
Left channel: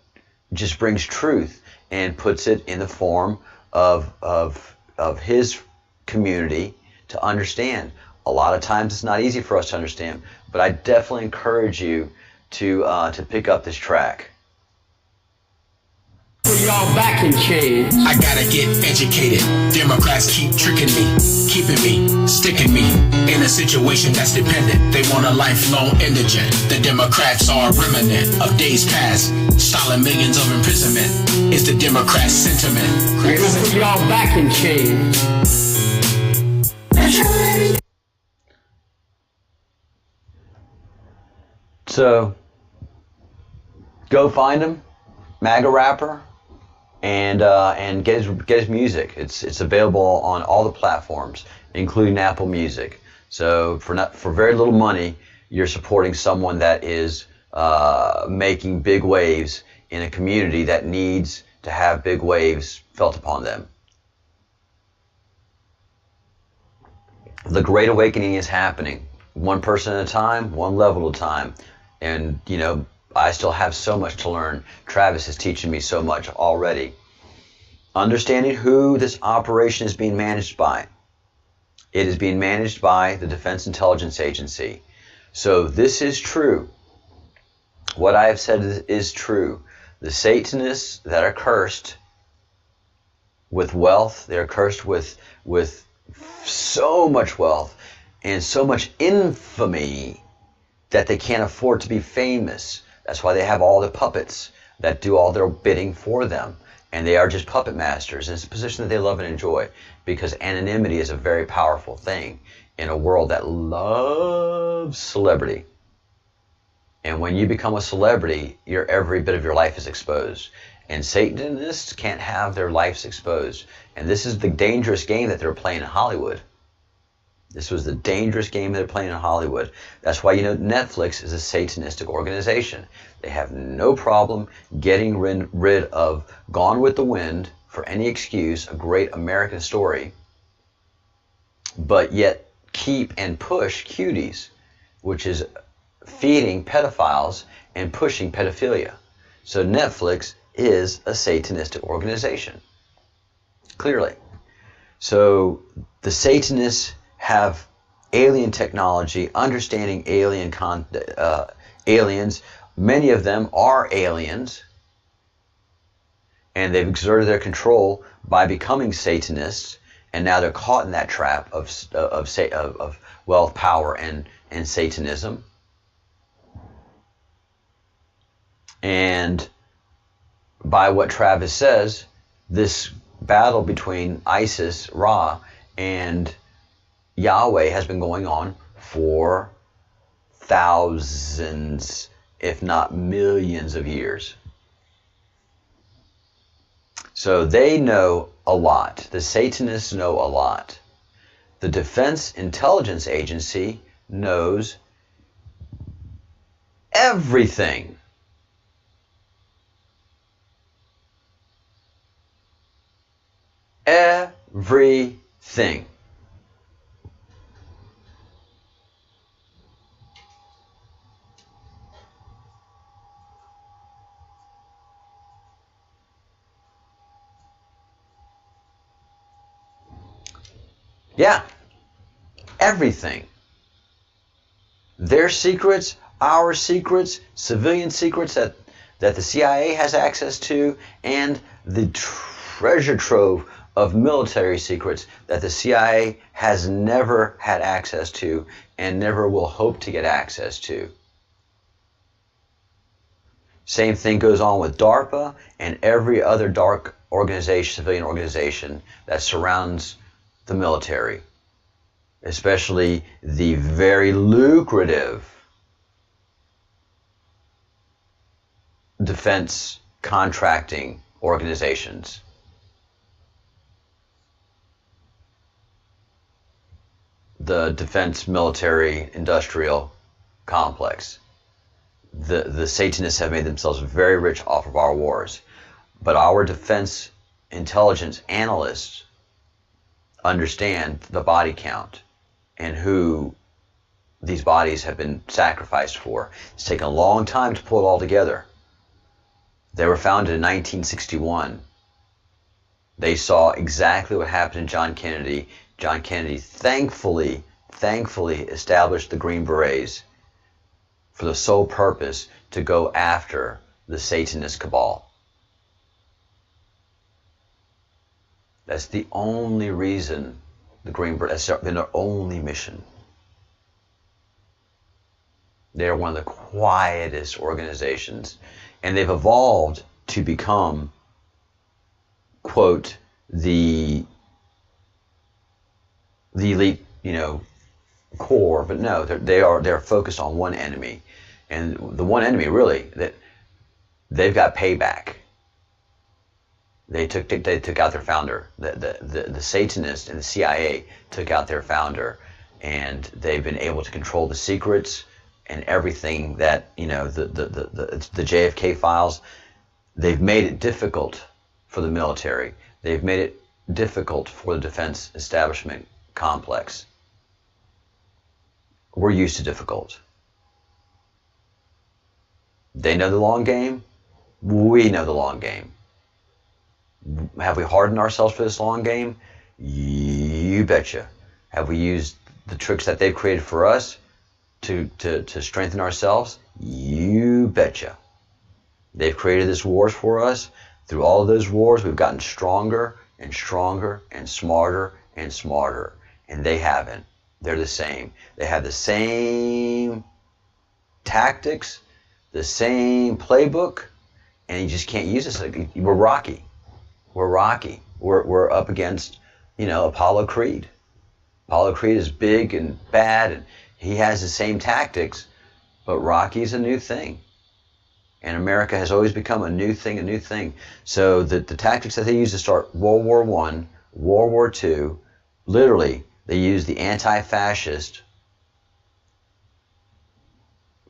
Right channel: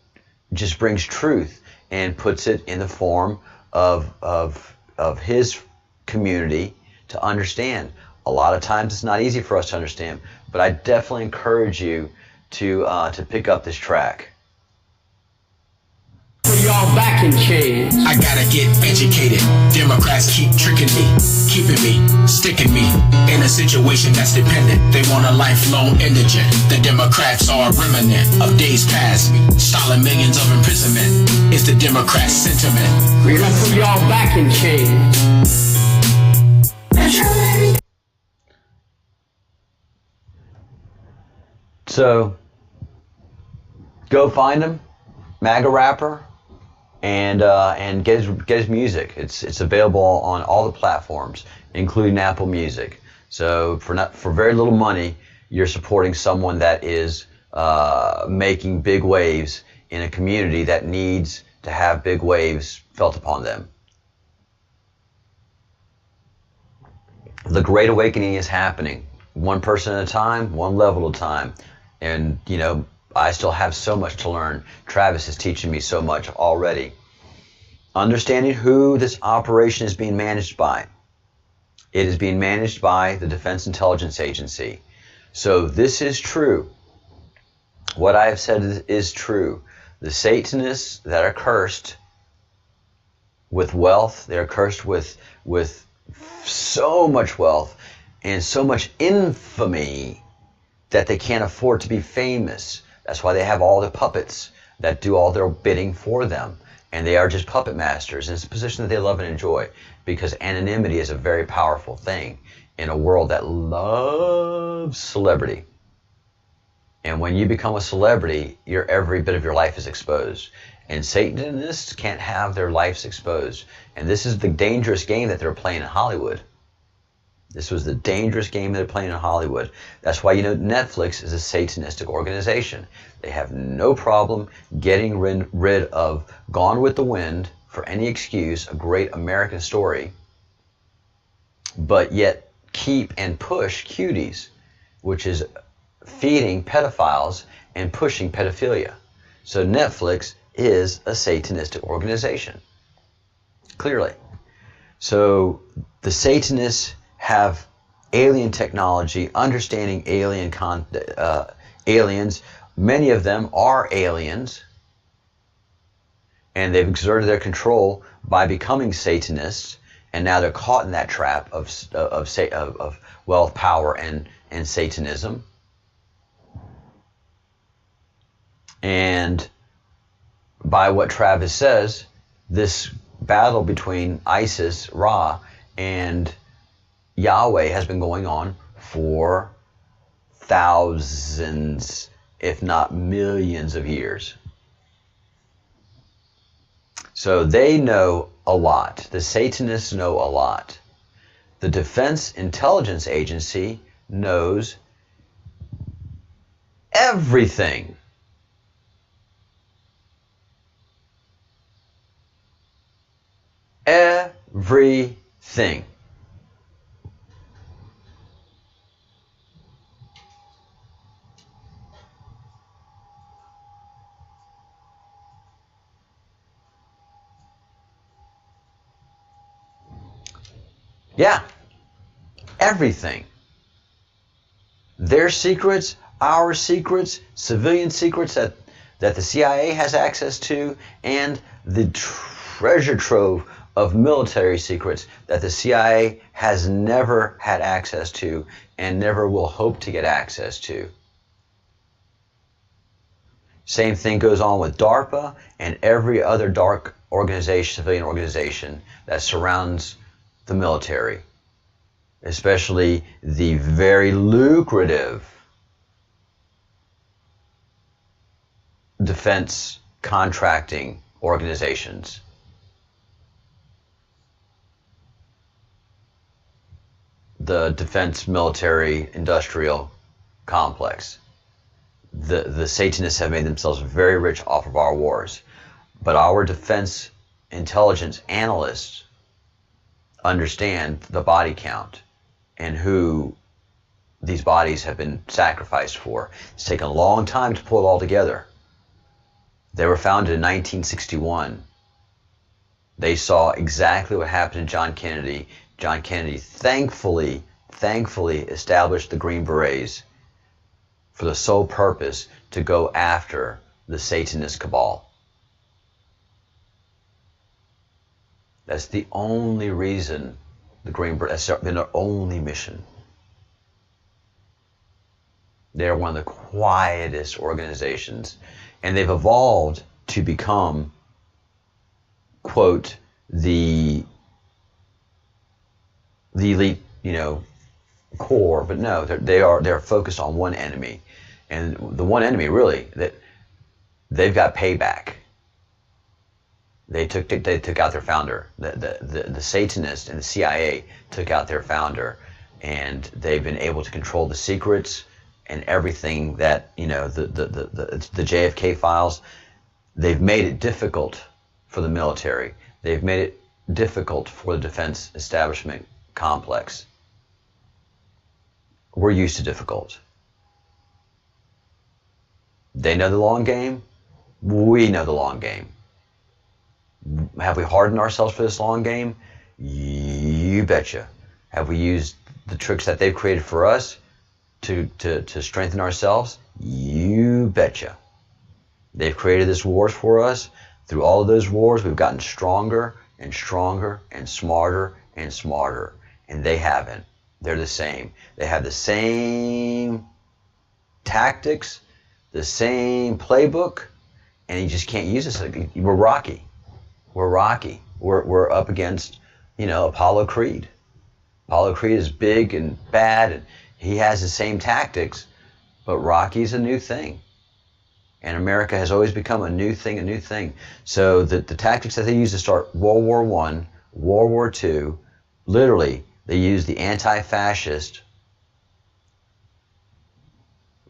just brings truth and puts it in the form of his community to understand. A lot of times it's not easy for us to understand, but I definitely encourage you to pick up this track. For y'all back in chains. I gotta get educated. Democrats keep tricking me, keeping me, sticking me in a situation that's dependent. They want a lifelong indigent. The Democrats are a remnant of days past, stalling millions of imprisonment. It's the Democrat sentiment. We're gonna put y'all back in chains. So, go find him, MAGA rapper, and get his music. It's available on all the platforms, including Apple Music. So for very little money, you're supporting someone that is making big waves in a community that needs to have big waves felt upon them. The Great Awakening is happening, one person at a time, one level at a time. And, you know, I still have so much to learn. Travis is teaching me so much already. Understanding who this operation is being managed by. It is being managed by the Defense Intelligence Agency. So this is true. What I have said is true. The Satanists that are cursed with wealth, they're cursed with so much wealth and so much infamy that they can't afford to be famous. That's why they have all the puppets that do all their bidding for them. And they are just puppet masters. And it's a position that they love and enjoy, because anonymity is a very powerful thing in a world that loves celebrity. And when you become a celebrity, every bit of your life is exposed. And Satanists can't have their lives exposed. And this is the dangerous game that they're playing in Hollywood. This was the dangerous game they're playing in Hollywood. That's why, you know, Netflix is a Satanistic organization. They have no problem getting rid of Gone with the Wind for any excuse, a great American story, but yet keep and push Cuties, which is feeding pedophiles and pushing pedophilia. So Netflix is a Satanistic organization, clearly. So the Satanists have alien technology, understanding aliens. Many of them are aliens, and they've exerted their control by becoming Satanists, and now they're caught in that trap of wealth, power, and Satanism. And by what Travis says, this battle between ISIS, Ra, and Yahweh has been going on for thousands, if not millions of years. So they know a lot. The Satanists know a lot. The Defense Intelligence Agency knows everything. Everything. Yeah, everything. Their secrets, our secrets, civilian secrets that the CIA has access to, and the treasure trove of military secrets that the CIA has never had access to and never will hope to get access to. Same thing goes on with DARPA and every other dark organization, civilian organization that surrounds the military, especially the very lucrative defense contracting organizations. The defense military industrial complex. The Satanists have made themselves very rich off of our wars, but our defense intelligence analysts understand the body count and who these bodies have been sacrificed for. It's taken a long time to pull it all together. They were founded in 1961. They saw exactly what happened to John Kennedy. John Kennedy thankfully established the Green Berets for the sole purpose to go after the Satanist cabal. That's the only reason the Green Berets, that's been their only mission. They're one of the quietest organizations, and they've evolved to become, quote, the elite, core. But no, they're focused on one enemy, and the one enemy really that they've got payback. They took out their founder. The Satanists and the CIA took out their founder, and they've been able to control the secrets and everything that, the JFK files. They've made it difficult for the military. They've made it difficult for the defense establishment complex. We're used to difficult. They know the long game. We know the long game. Have we hardened ourselves for this long game? You betcha. Have we used the tricks that they've created for us to strengthen ourselves? You betcha. They've created this wars for us. Through all of those wars, we've gotten stronger and stronger and smarter and smarter. And they haven't. They're the same. They have the same tactics, the same playbook, and you just can't use this. We're Rocky. We're Rocky. We're up against, Apollo Creed. Apollo Creed is big and bad, and he has the same tactics, but Rocky's a new thing. And America has always become a new thing. So the tactics that they use to start World War I, World War II, literally, they use the anti-fascist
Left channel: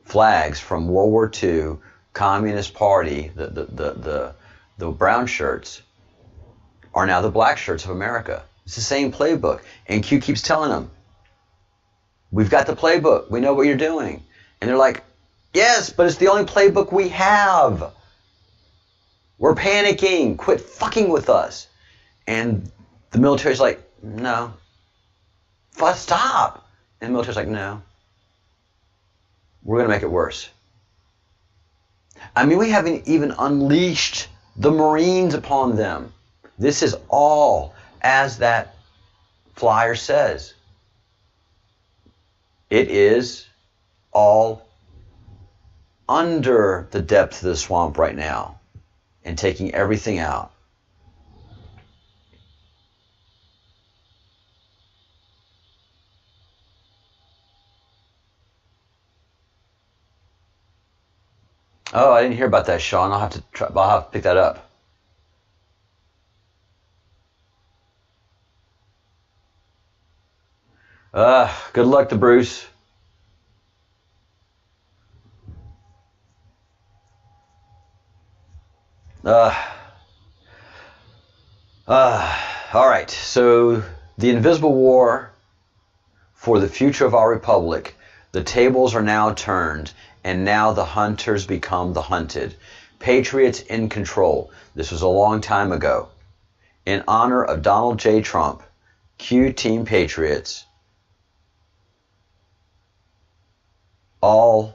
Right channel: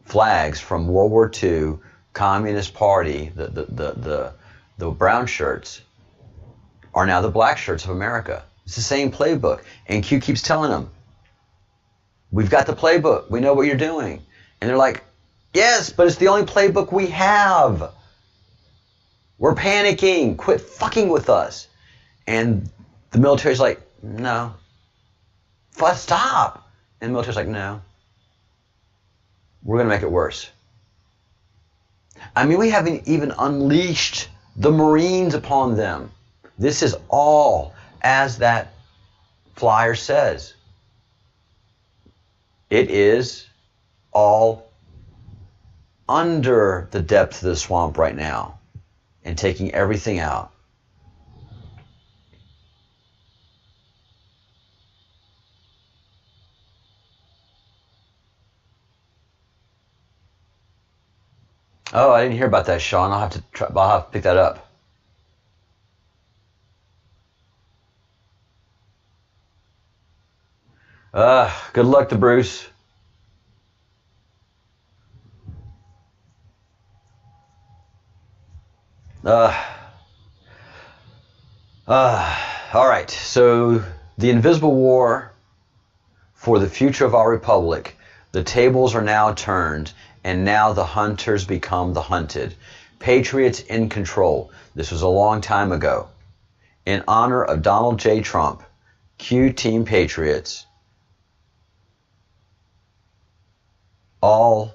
flags from World War II, Communist Party, the brown shirts, are now the black shirts of America. It's the same playbook. And Q keeps telling them, we've got the playbook. We know what you're doing. And they're like, yes, but it's the only playbook we have. We're panicking. Quit fucking with us. And the military's like, no. Stop. And the military's like, no. We're going to make it worse. I mean, we haven't even unleashed the Marines upon them. This is all, as that flyer says, it is all under the depth of the swamp right now and taking everything out. Oh, I didn't hear about that, Sean. I'll have to pick that up. Good luck to Bruce. All right. So the invisible war for the future of our republic. The tables are now turned, and now the hunters become the hunted. Patriots in control. This was a long time ago. In honor of Donald J. Trump, Q Team Patriots, all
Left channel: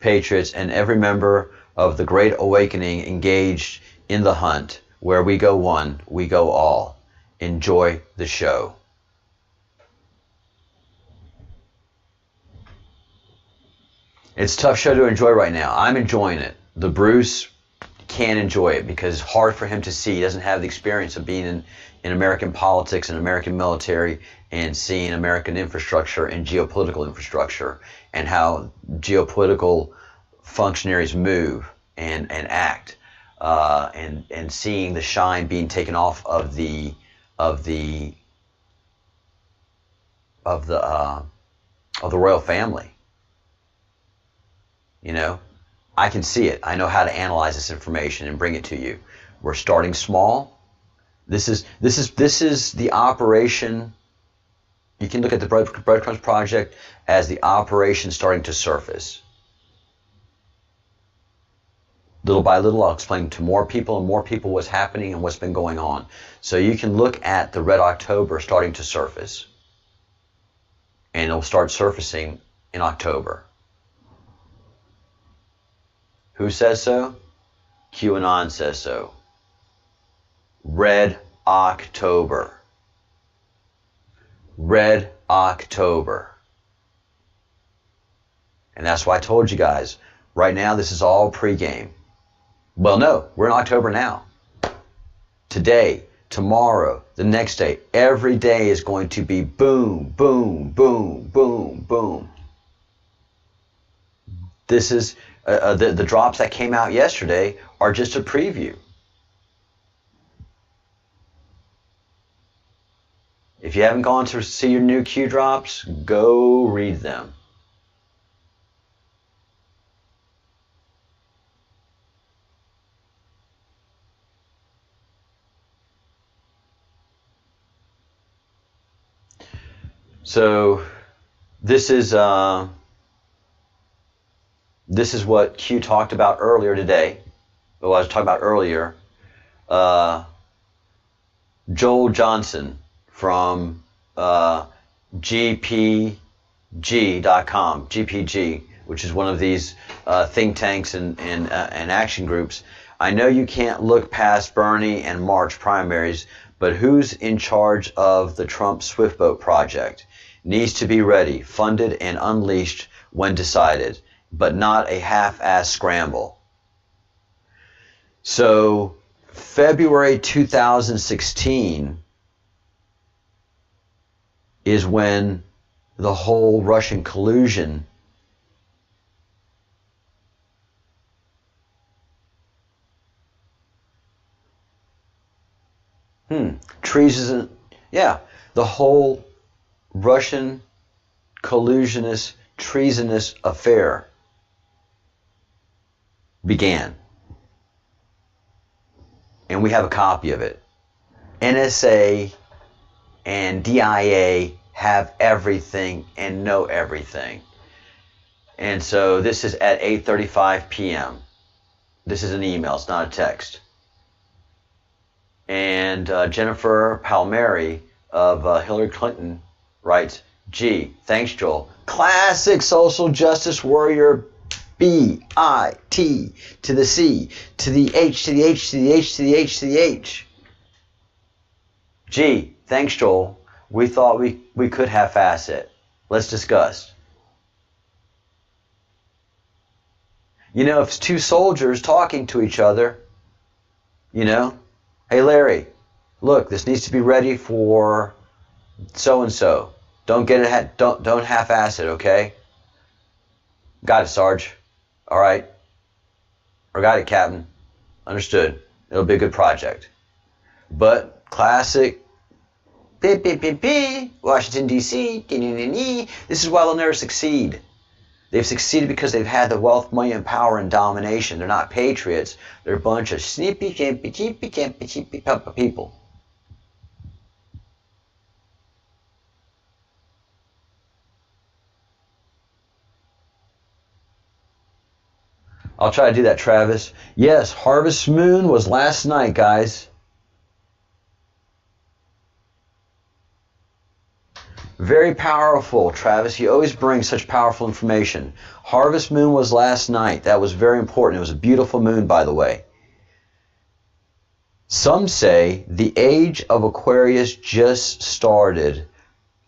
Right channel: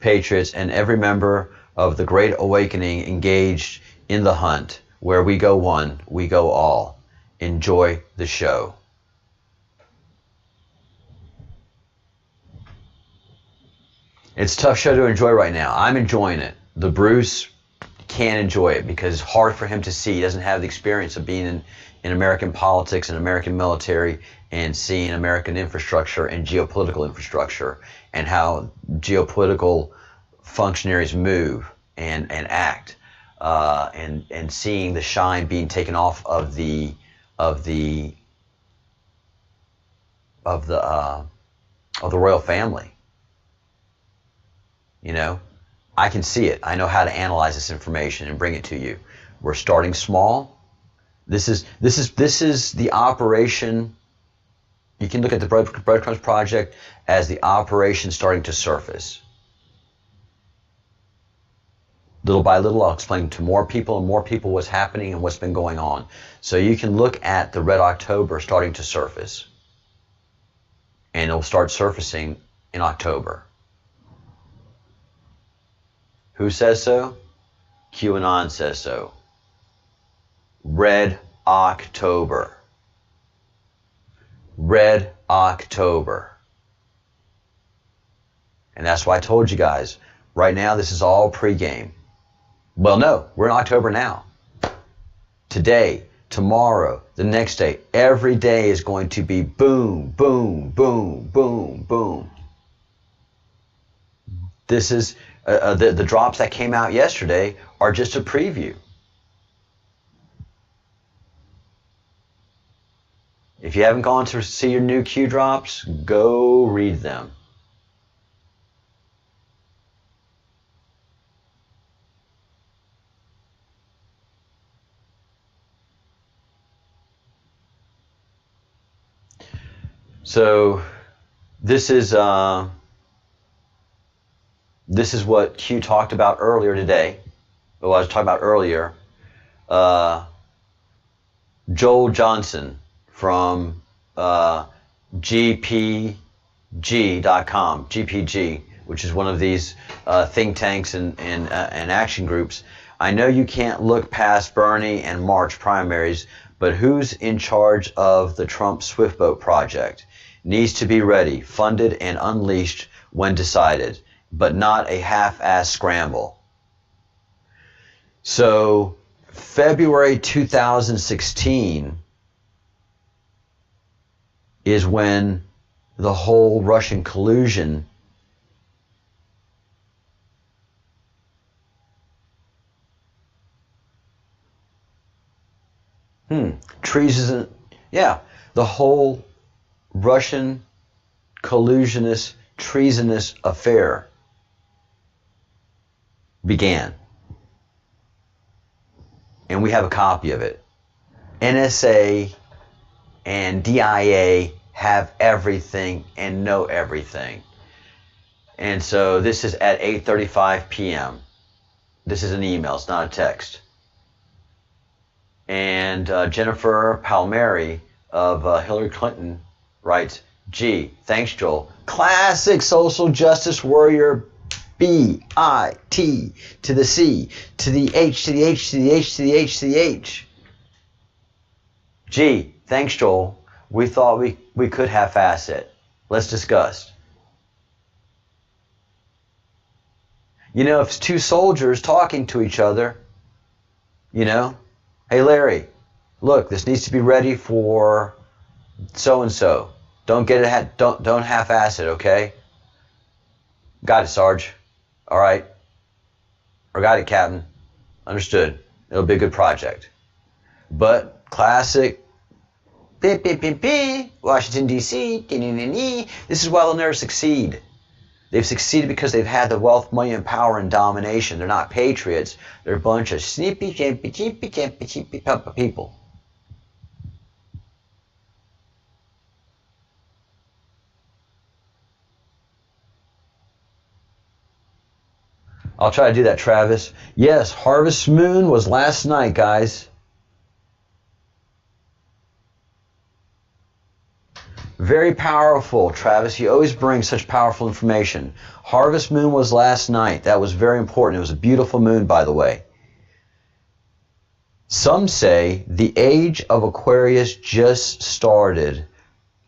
patriots and every member of the Great Awakening engaged in the hunt. Where we go one, we go all. Enjoy the show. It's a tough show to enjoy right now. I'm enjoying it. The Bruce can't enjoy it because it's hard for him to see. He doesn't have the experience of being in American politics and American military and seeing American infrastructure and geopolitical infrastructure and how geopolitical functionaries move and act, and seeing the shine being taken off of the royal family. I can see it. I know how to analyze this information and bring it to you. We're starting small. This is the operation. You can look at the Breadcrumbs Project as the operation starting to surface. Little by little, I'll explain to more people what's happening and what's been going on. So you can look at the Red October starting to surface. And it'll start surfacing in October. Who says so? QAnon says so. Red October. Red October. And that's why I told you guys, right now this is all pregame. Well, no, we're in October now. Today, tomorrow, the next day, every day is going to be boom, boom, boom, boom, boom. This is, the drops that came out yesterday are just a preview. If you haven't gone to see your new Q drops, go read them. So this is what Q talked about earlier today. Well, I was talking about earlier. Joel Johnson from GPG.com, GPG, which is one of these think tanks and action groups. I know you can't look past Bernie and March primaries, but who's in charge of the Trump Swift Boat project? Needs to be ready, funded, and unleashed when decided, but not a half-assed scramble. So, February 2016 is when the whole Russian collusion treason, yeah, the whole Russian collusionist, treasonous affair began. And we have a copy of it. NSA and DIA have everything and know everything. And so this is at 8:35 p.m. This is an email, it's not a text. And Jennifer Palmieri of Hillary Clinton writes, gee, thanks, Joel. Classic social justice warrior, B-I-T to the C, to the H, to the H, to the H, to the H, to the H. Gee, thanks, Joel. We thought we could half-ass it. Let's discuss. You know, if it's two soldiers talking to each other, you know, hey, Larry, look, this needs to be ready for so-and-so. Don't get it, don't half-ass it, okay? Got it, Sarge. All right. Or got it, Captain. Understood. It'll be a good project. But classic, Washington, D.C., this is why they'll never succeed. They've succeeded because they've had the wealth, money, and power and domination. They're not patriots. They're a bunch of snippy, people. I'll try to do that, Travis. Yes, Harvest Moon was last night, guys. Very powerful, Travis. You always bring such powerful information. Harvest Moon was last night. That was very important. It was a beautiful moon, by the way. Some say the age of Aquarius just started.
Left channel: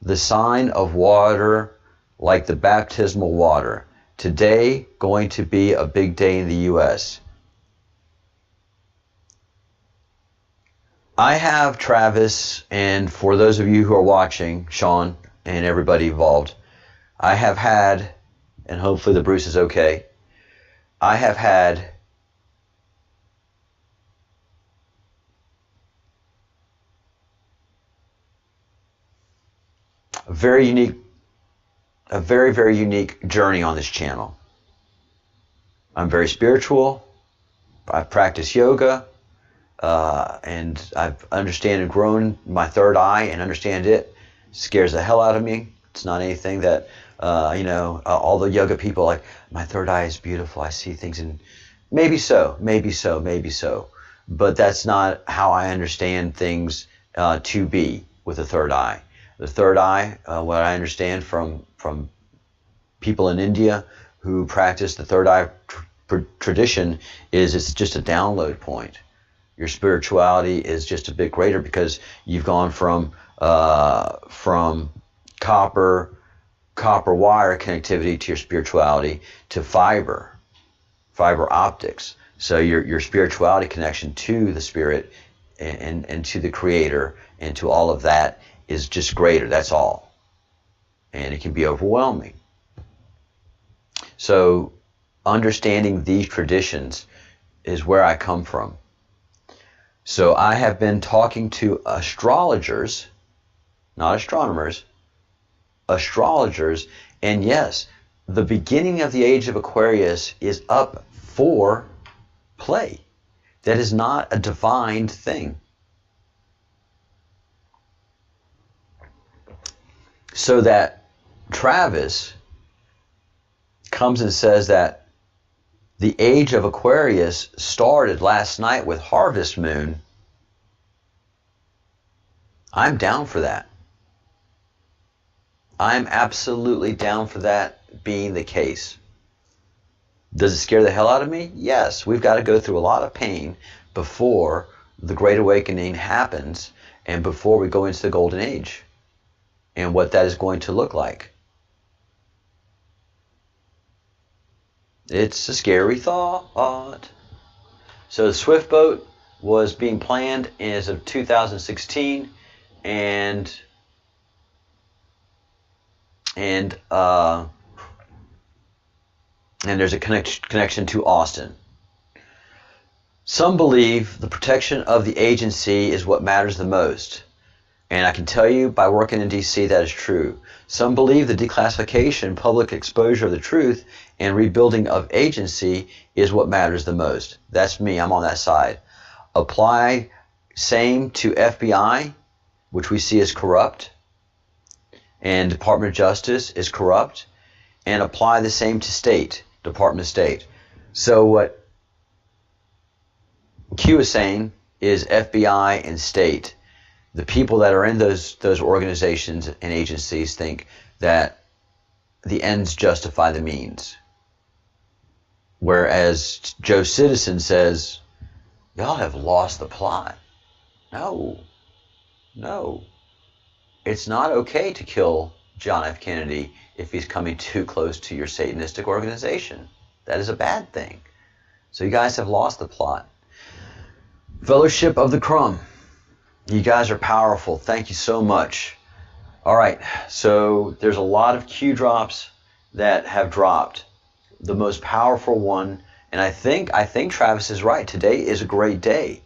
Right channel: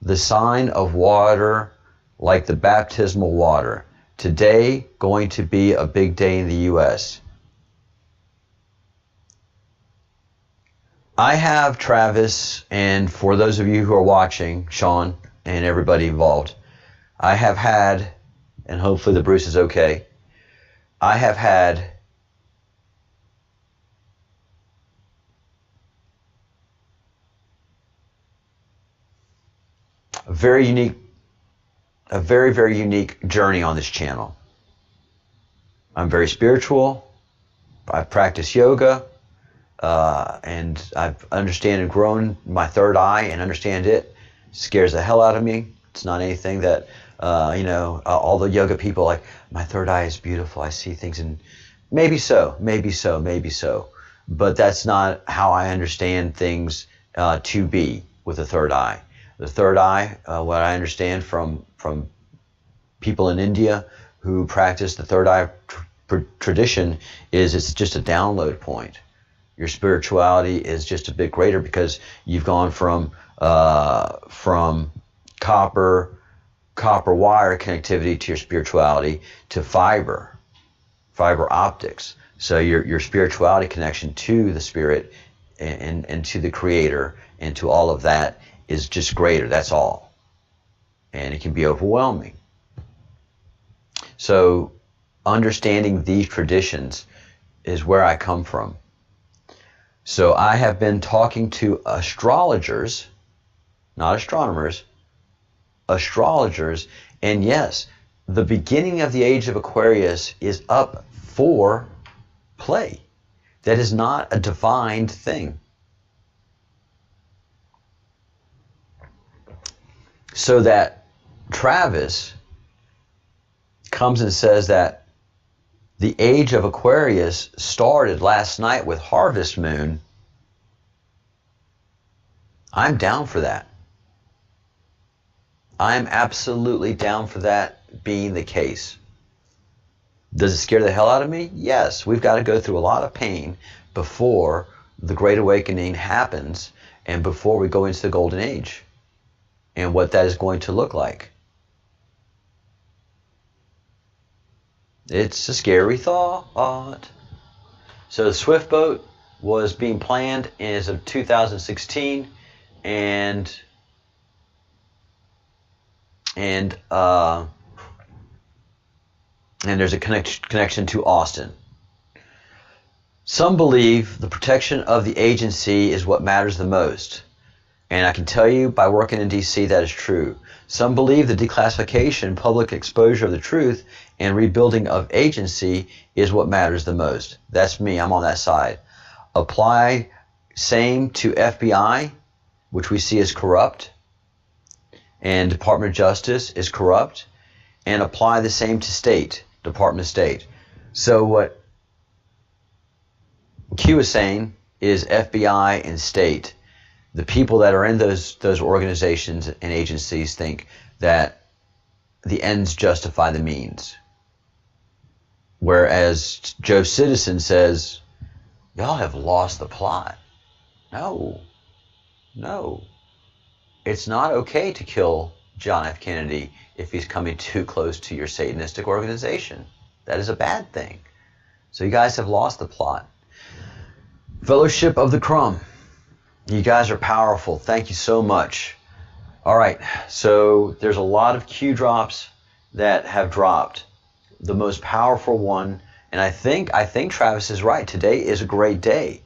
The sign of water, like the baptismal water. Today, going to be a big day in the U.S. I have, Travis, and for those of you who are watching, Sean, and everybody involved, I have had, and hopefully the Bruce is okay, I have had a very, very unique journey on this channel. I'm very spiritual. I practice yoga. And I've understand and grown my third eye and understand it. Scares the hell out of me. It's not anything that, all the yoga people like, my third eye is beautiful. I see things, and maybe so. But that's not how I understand things to be with the third eye. The third eye, what I understand from people in India who practice the third eye tradition, is it's just a download point. Your spirituality is just a bit greater because you've gone from copper wire connectivity to your spirituality to fiber optics. So your spirituality connection to the spirit and to the creator and to all of that is just greater. That's all. And it can be overwhelming. So understanding these traditions is where I come from. So I have been talking to astrologers, not astronomers, astrologers, and yes, the beginning of the age of Aquarius is up for play. That is not a defined thing. So that Travis comes and says that the age of Aquarius started last night with Harvest Moon, I'm down for that. I'm absolutely down for that being the case. Does it scare the hell out of me? Yes, we've got to go through a lot of pain before the Great Awakening happens and before we go into the Golden Age and what that is going to look like. It's a scary thought. So the Swift boat was being planned as of 2016, and there's a connection to Austin. Some believe the protection of the agency is what matters the most. And I can tell you by working in DC that is true. Some believe the declassification, public exposure of the truth, and rebuilding of agency is what matters the most. That's me. I'm on that side. Apply same to FBI, which we see as corrupt, and Department of Justice is corrupt, and apply the same to state, Department of State. So what Q is saying is FBI and state. The people that are in those organizations and agencies think that the ends justify the means. Whereas Joe Citizen says, y'all have lost the plot. No. It's not okay to kill John F. Kennedy if he's coming too close to your Satanistic organization. That is a bad thing. So you guys have lost the plot. Fellowship of the Crumb. You guys are powerful. Thank you so much. All right, so there's a lot of Q drops that have dropped. The most powerful one, and I think Travis is right. Today is a great day.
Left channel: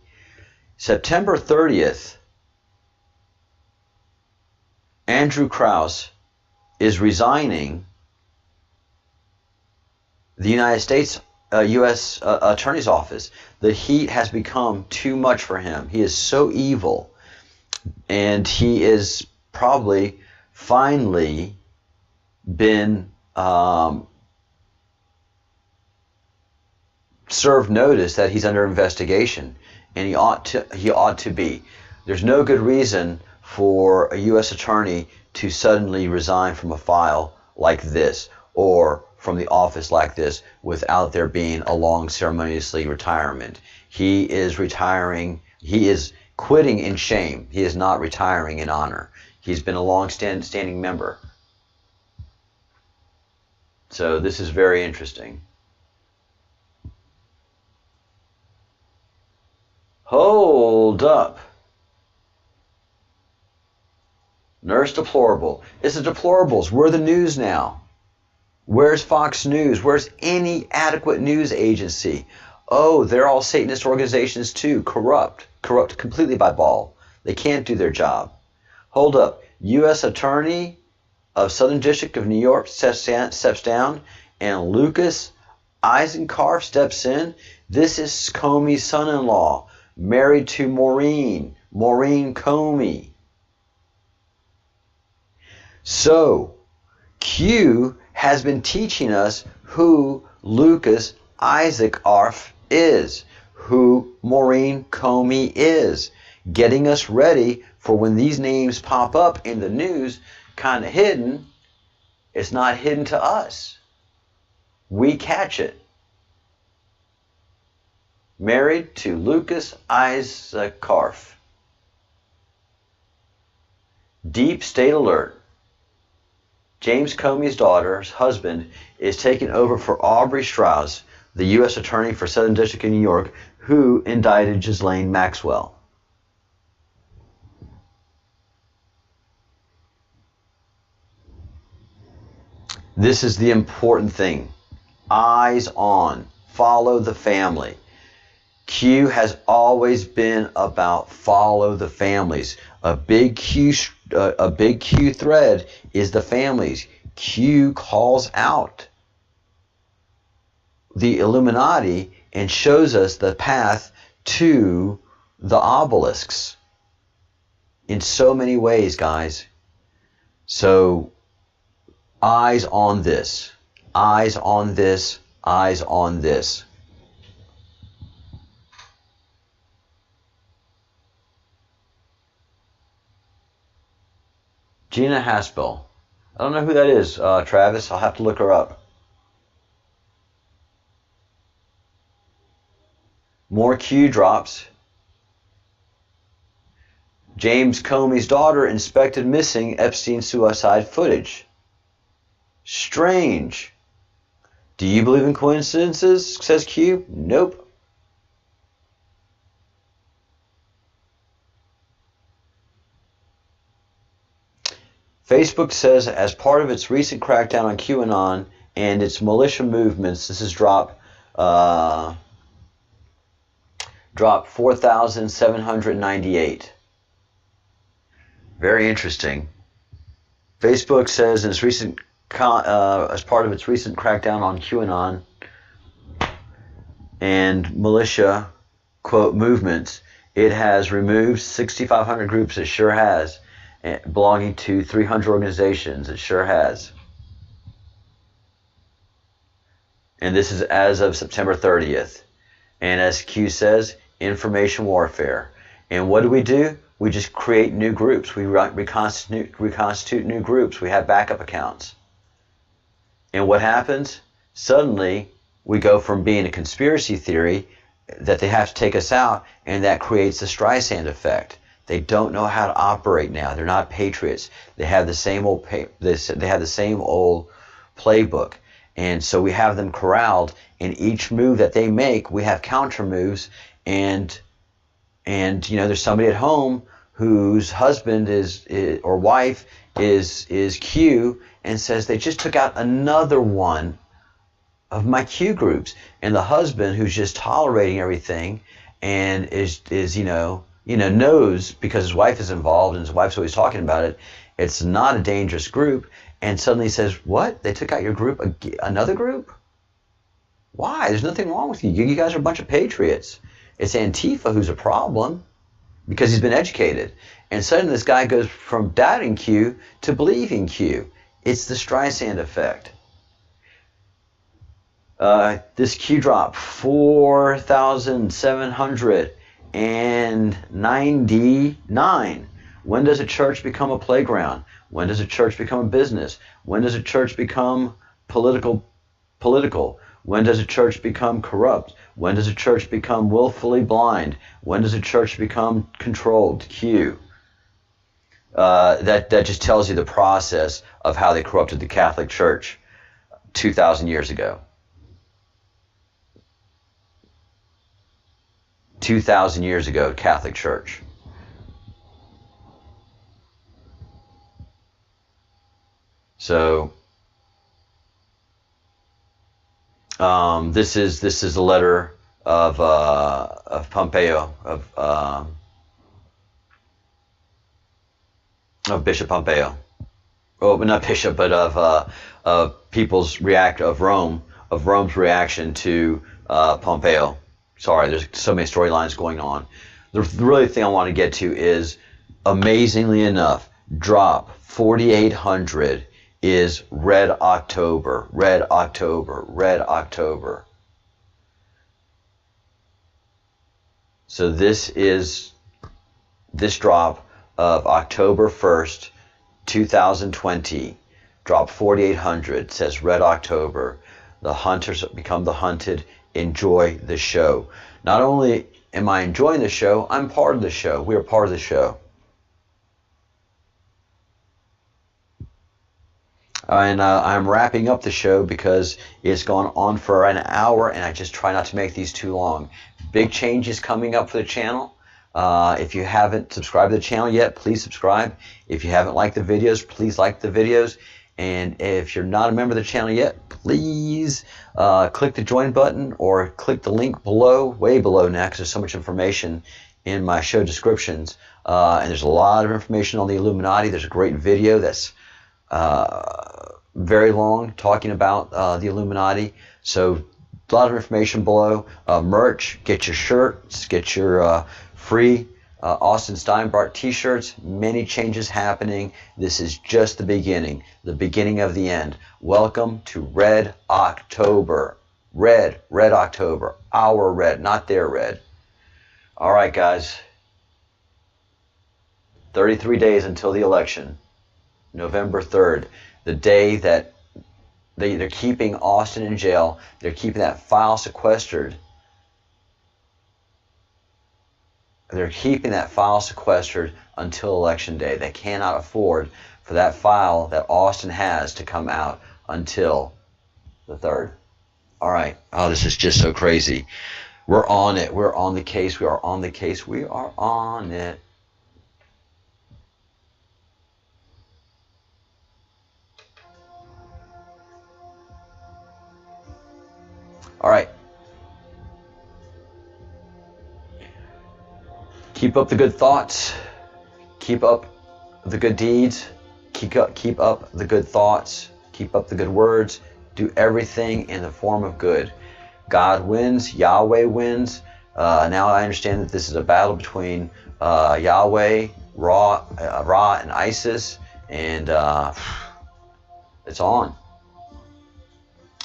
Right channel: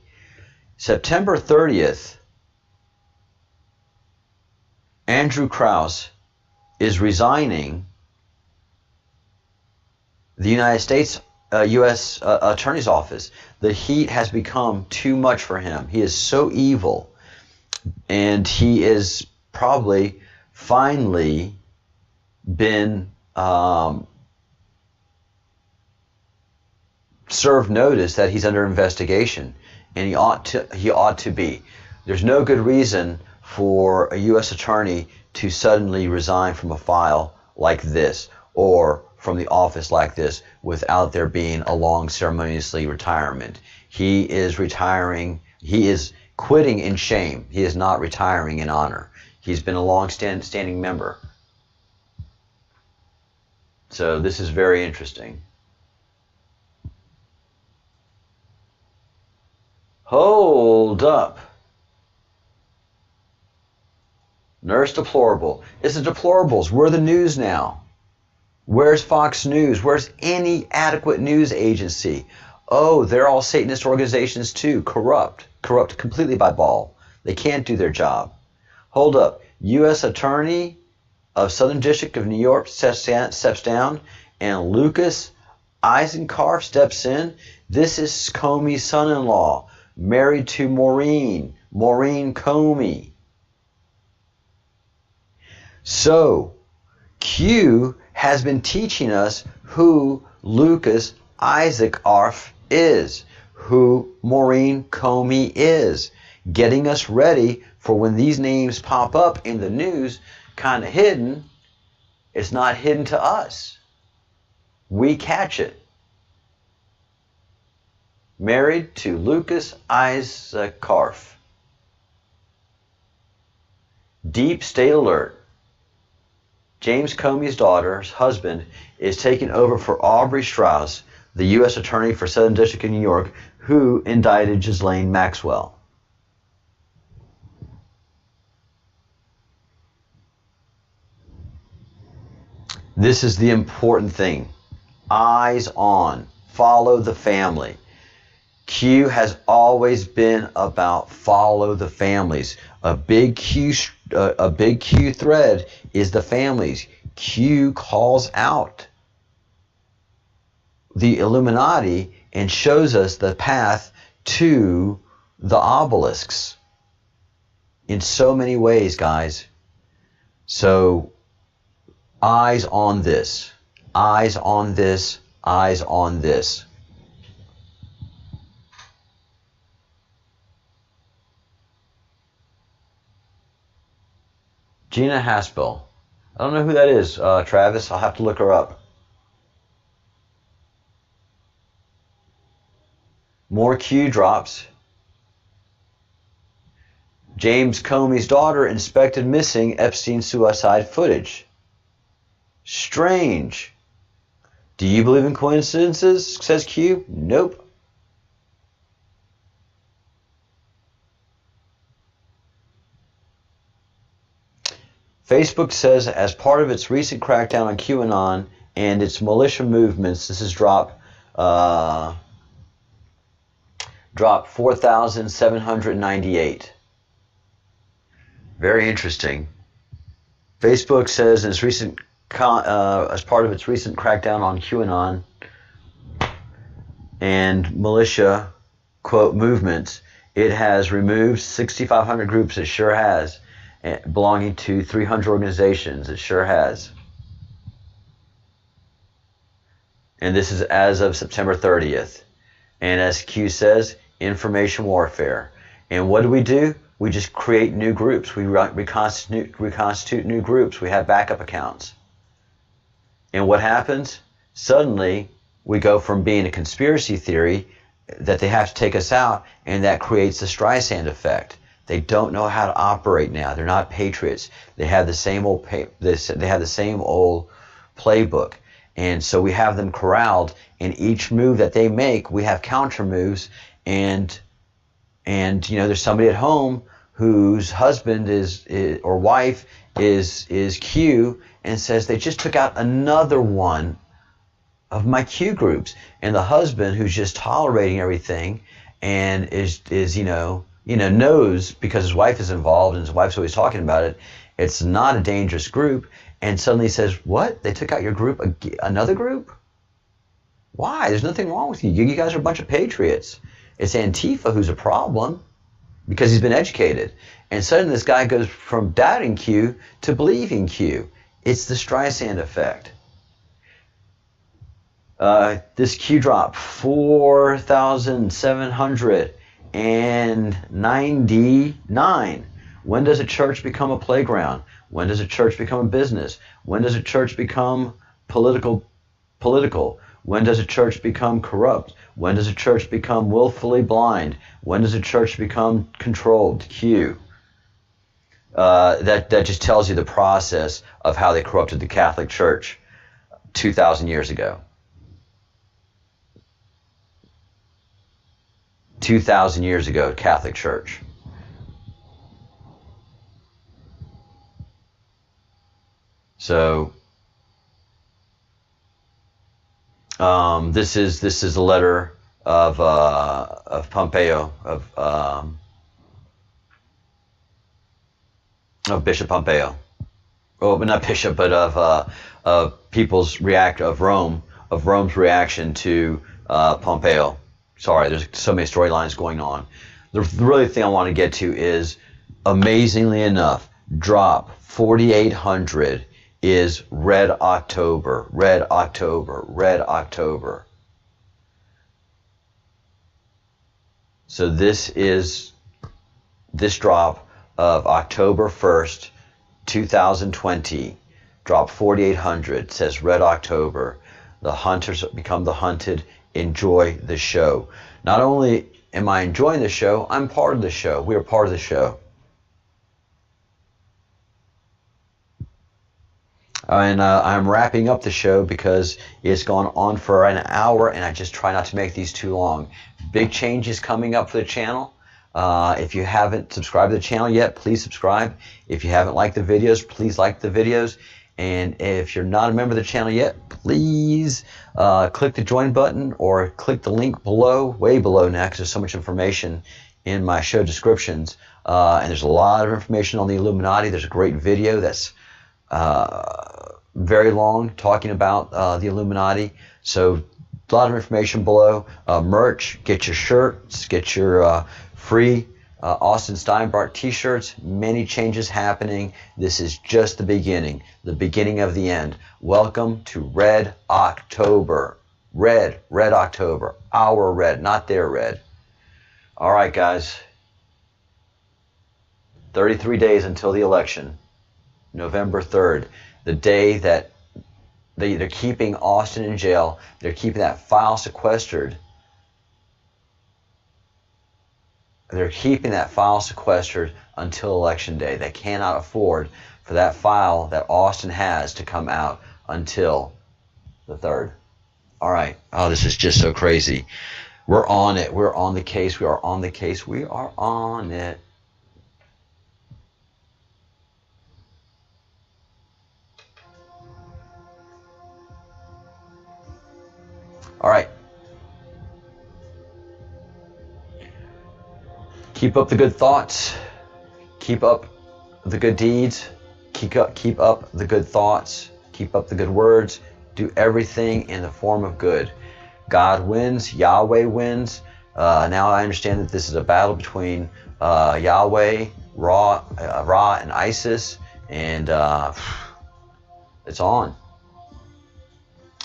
September 30th, Andrew Krause is resigning the United States U.S. Attorney's Office. The heat has become too much for him. He is so evil. And he is probably finally been served notice that he's under investigation, and he ought to be. There's no good reason for a U.S. attorney to suddenly resign from a file like this or from the office like this without there being a long ceremoniously retirement. He is retiring. He is quitting in shame. He is not retiring in honor. He's been a long-standing member. So this is very interesting. Hold up. Nurse Deplorable. It's the deplorables. We're the news now. Where's Fox News? Where's any adequate news agency? Oh, they're all Satanist organizations too. Corrupt completely by ball. They can't do their job. Hold up. U.S. Attorney of Southern District of New York steps down, and Lucas Eisenkarf steps in. This is Comey's son-in-law, married to Maureen Comey. So, Q has been teaching us who Lucas Eisenkarf is, who Maureen Comey is, getting us ready for when these names pop up in the news, kind of hidden. It's not hidden to us. We catch it. married to Lucas Issakarf. Deep state alert. James Comey's daughter's husband is taking over for Aubrey Strauss, the U.S. Attorney for Southern District of New York, who indicted Ghislaine Maxwell. This is the important thing. Eyes on. Follow the family. Q has always been about follow the families. A big Q thread is the families. Q calls out the Illuminati and shows us the path to the obelisks in so many ways, guys. So, eyes on this. Eyes on this. Eyes on this. Gina Haspel. I don't know who that is, Travis. I'll have to look her up. More Q drops. James Comey's daughter inspected missing Epstein suicide footage. Strange. Do you believe in coincidences? Says Q. Nope. Facebook says as part of its recent crackdown on QAnon and its militia movements, this is drop 4,798. Very interesting. Facebook says in its recent as part of its recent crackdown on QAnon and militia, quote, movements, it has removed 6,500 groups. It sure has. Belonging to 300 organizations. It sure has. And this is as of September 30th. And as Q says, information warfare. And what do? We just create new groups. We reconstitute new groups. We have backup accounts. And what happens? Suddenly, we go from being a conspiracy theory that they have to take us out, and that creates the Streisand effect. They don't know how to operate now. They're not patriots. They have the same old playbook, and so we have them corralled. And each move that they make, we have counter moves. And you know, there's somebody at home whose husband or wife is Q, and says they just took out another one of my Q groups, and the husband, who's just tolerating everything and is knows, because his wife is involved and his wife's always talking about it, it's not a dangerous group, and suddenly says, what? They took out your group, another group? Why? There's nothing wrong with you. You guys are a bunch of patriots. It's Antifa who's a problem because he's been educated. And suddenly this guy goes from doubting Q to believing Q. It's the Streisand effect. This Q drop, 4,799. When does a church become a playground? When does a church become a business? When does a church become political? When does a church become corrupt? When does a church become willfully blind? When does a church become controlled? Q. That just tells you the process of how they corrupted the Catholic Church 2,000 years ago. 2,000 years ago, Catholic Church. So this is a letter of Pompeo, of Bishop Pompeo. Oh, not Bishop, but of Rome's reaction to Pompeo. Sorry, there's so many storylines going on. The really thing I want to get to is, amazingly enough, drop 4,800 is Red October, Red October, Red October. So this is this drop of October 1st, 2020. Drop 4,800 says Red October. The hunters become the hunted. Enjoy the show. Not only am I enjoying the show, I'm part of the show. We are part of the show. And I'm wrapping up the show because it's gone on for an hour, and I just try not to make these too long. Big changes coming up for the channel. If you haven't subscribed to the channel yet, please subscribe. If you haven't liked the videos, please like the videos. And if you're not a member of the channel yet, please click the join button or click the link below, way below now, because there's so much information in my show descriptions. And there's a lot of information on the Illuminati. There's a great video that's very long talking about the Illuminati. So a lot of information below. Merch, get your shirts, get your free Austin Steinbart t-shirts. Many changes happening. This is just the beginning of the end. Welcome to Red October. Red October. Our red, not their red. All right, guys. 33 days until the election. November 3rd, the day that they're keeping Austin in jail. They're keeping that file sequestered. They're keeping that file sequestered until Election Day. They cannot afford for that file that Austin has to come out until the 3rd. All right. Oh, this is just so crazy. We're on it. We're on the case. We are on the case. We are on it. All right. Keep up the good thoughts. Keep up the good deeds. Keep up the good thoughts. Keep up the good words. Do everything in the form of good. God wins. Yahweh wins. Now I understand that this is a battle between Yahweh, Ra, and ISIS, and it's on.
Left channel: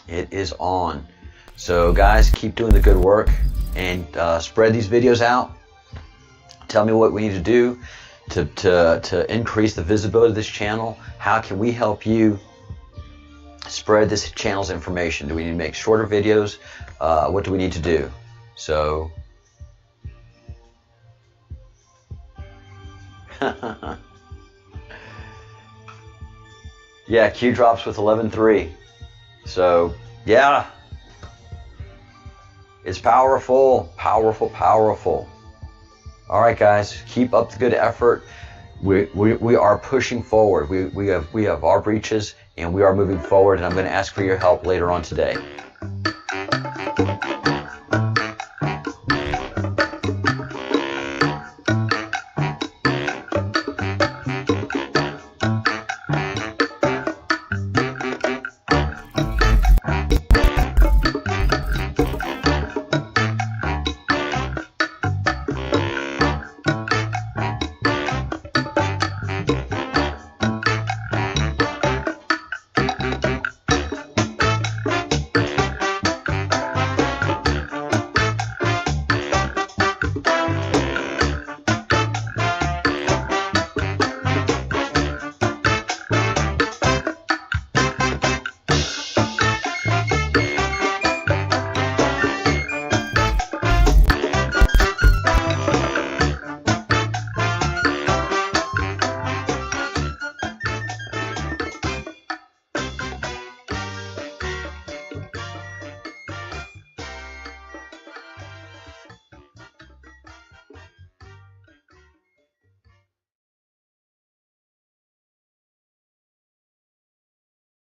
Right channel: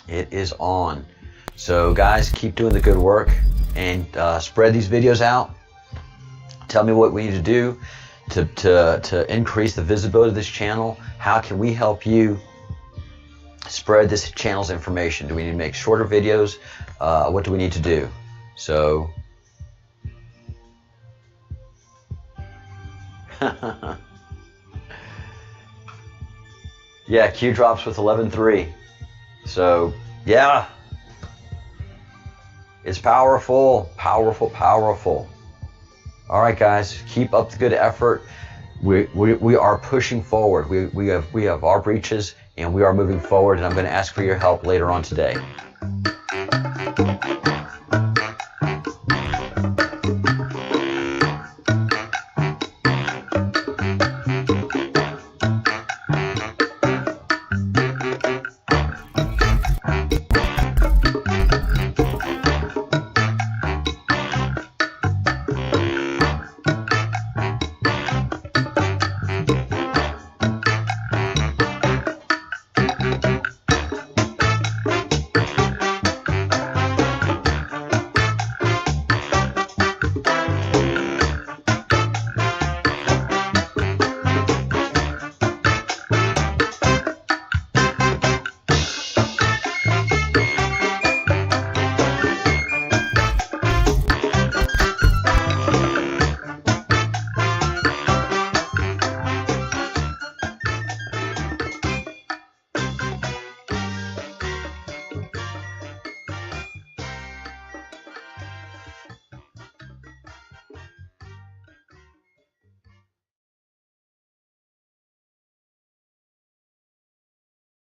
It is on. So guys, keep doing the good work and spread these videos out. Tell me what we need to do to increase the visibility of this channel. How can we help you spread this channel's information? Do we need to make shorter videos? What do we need to do? So yeah, Q drops with 11.3. So yeah, it's powerful, powerful, powerful. All right, guys, keep up the good effort. We are pushing forward. We have our breaches, and we are moving forward. And I'm going to ask for your help later on today.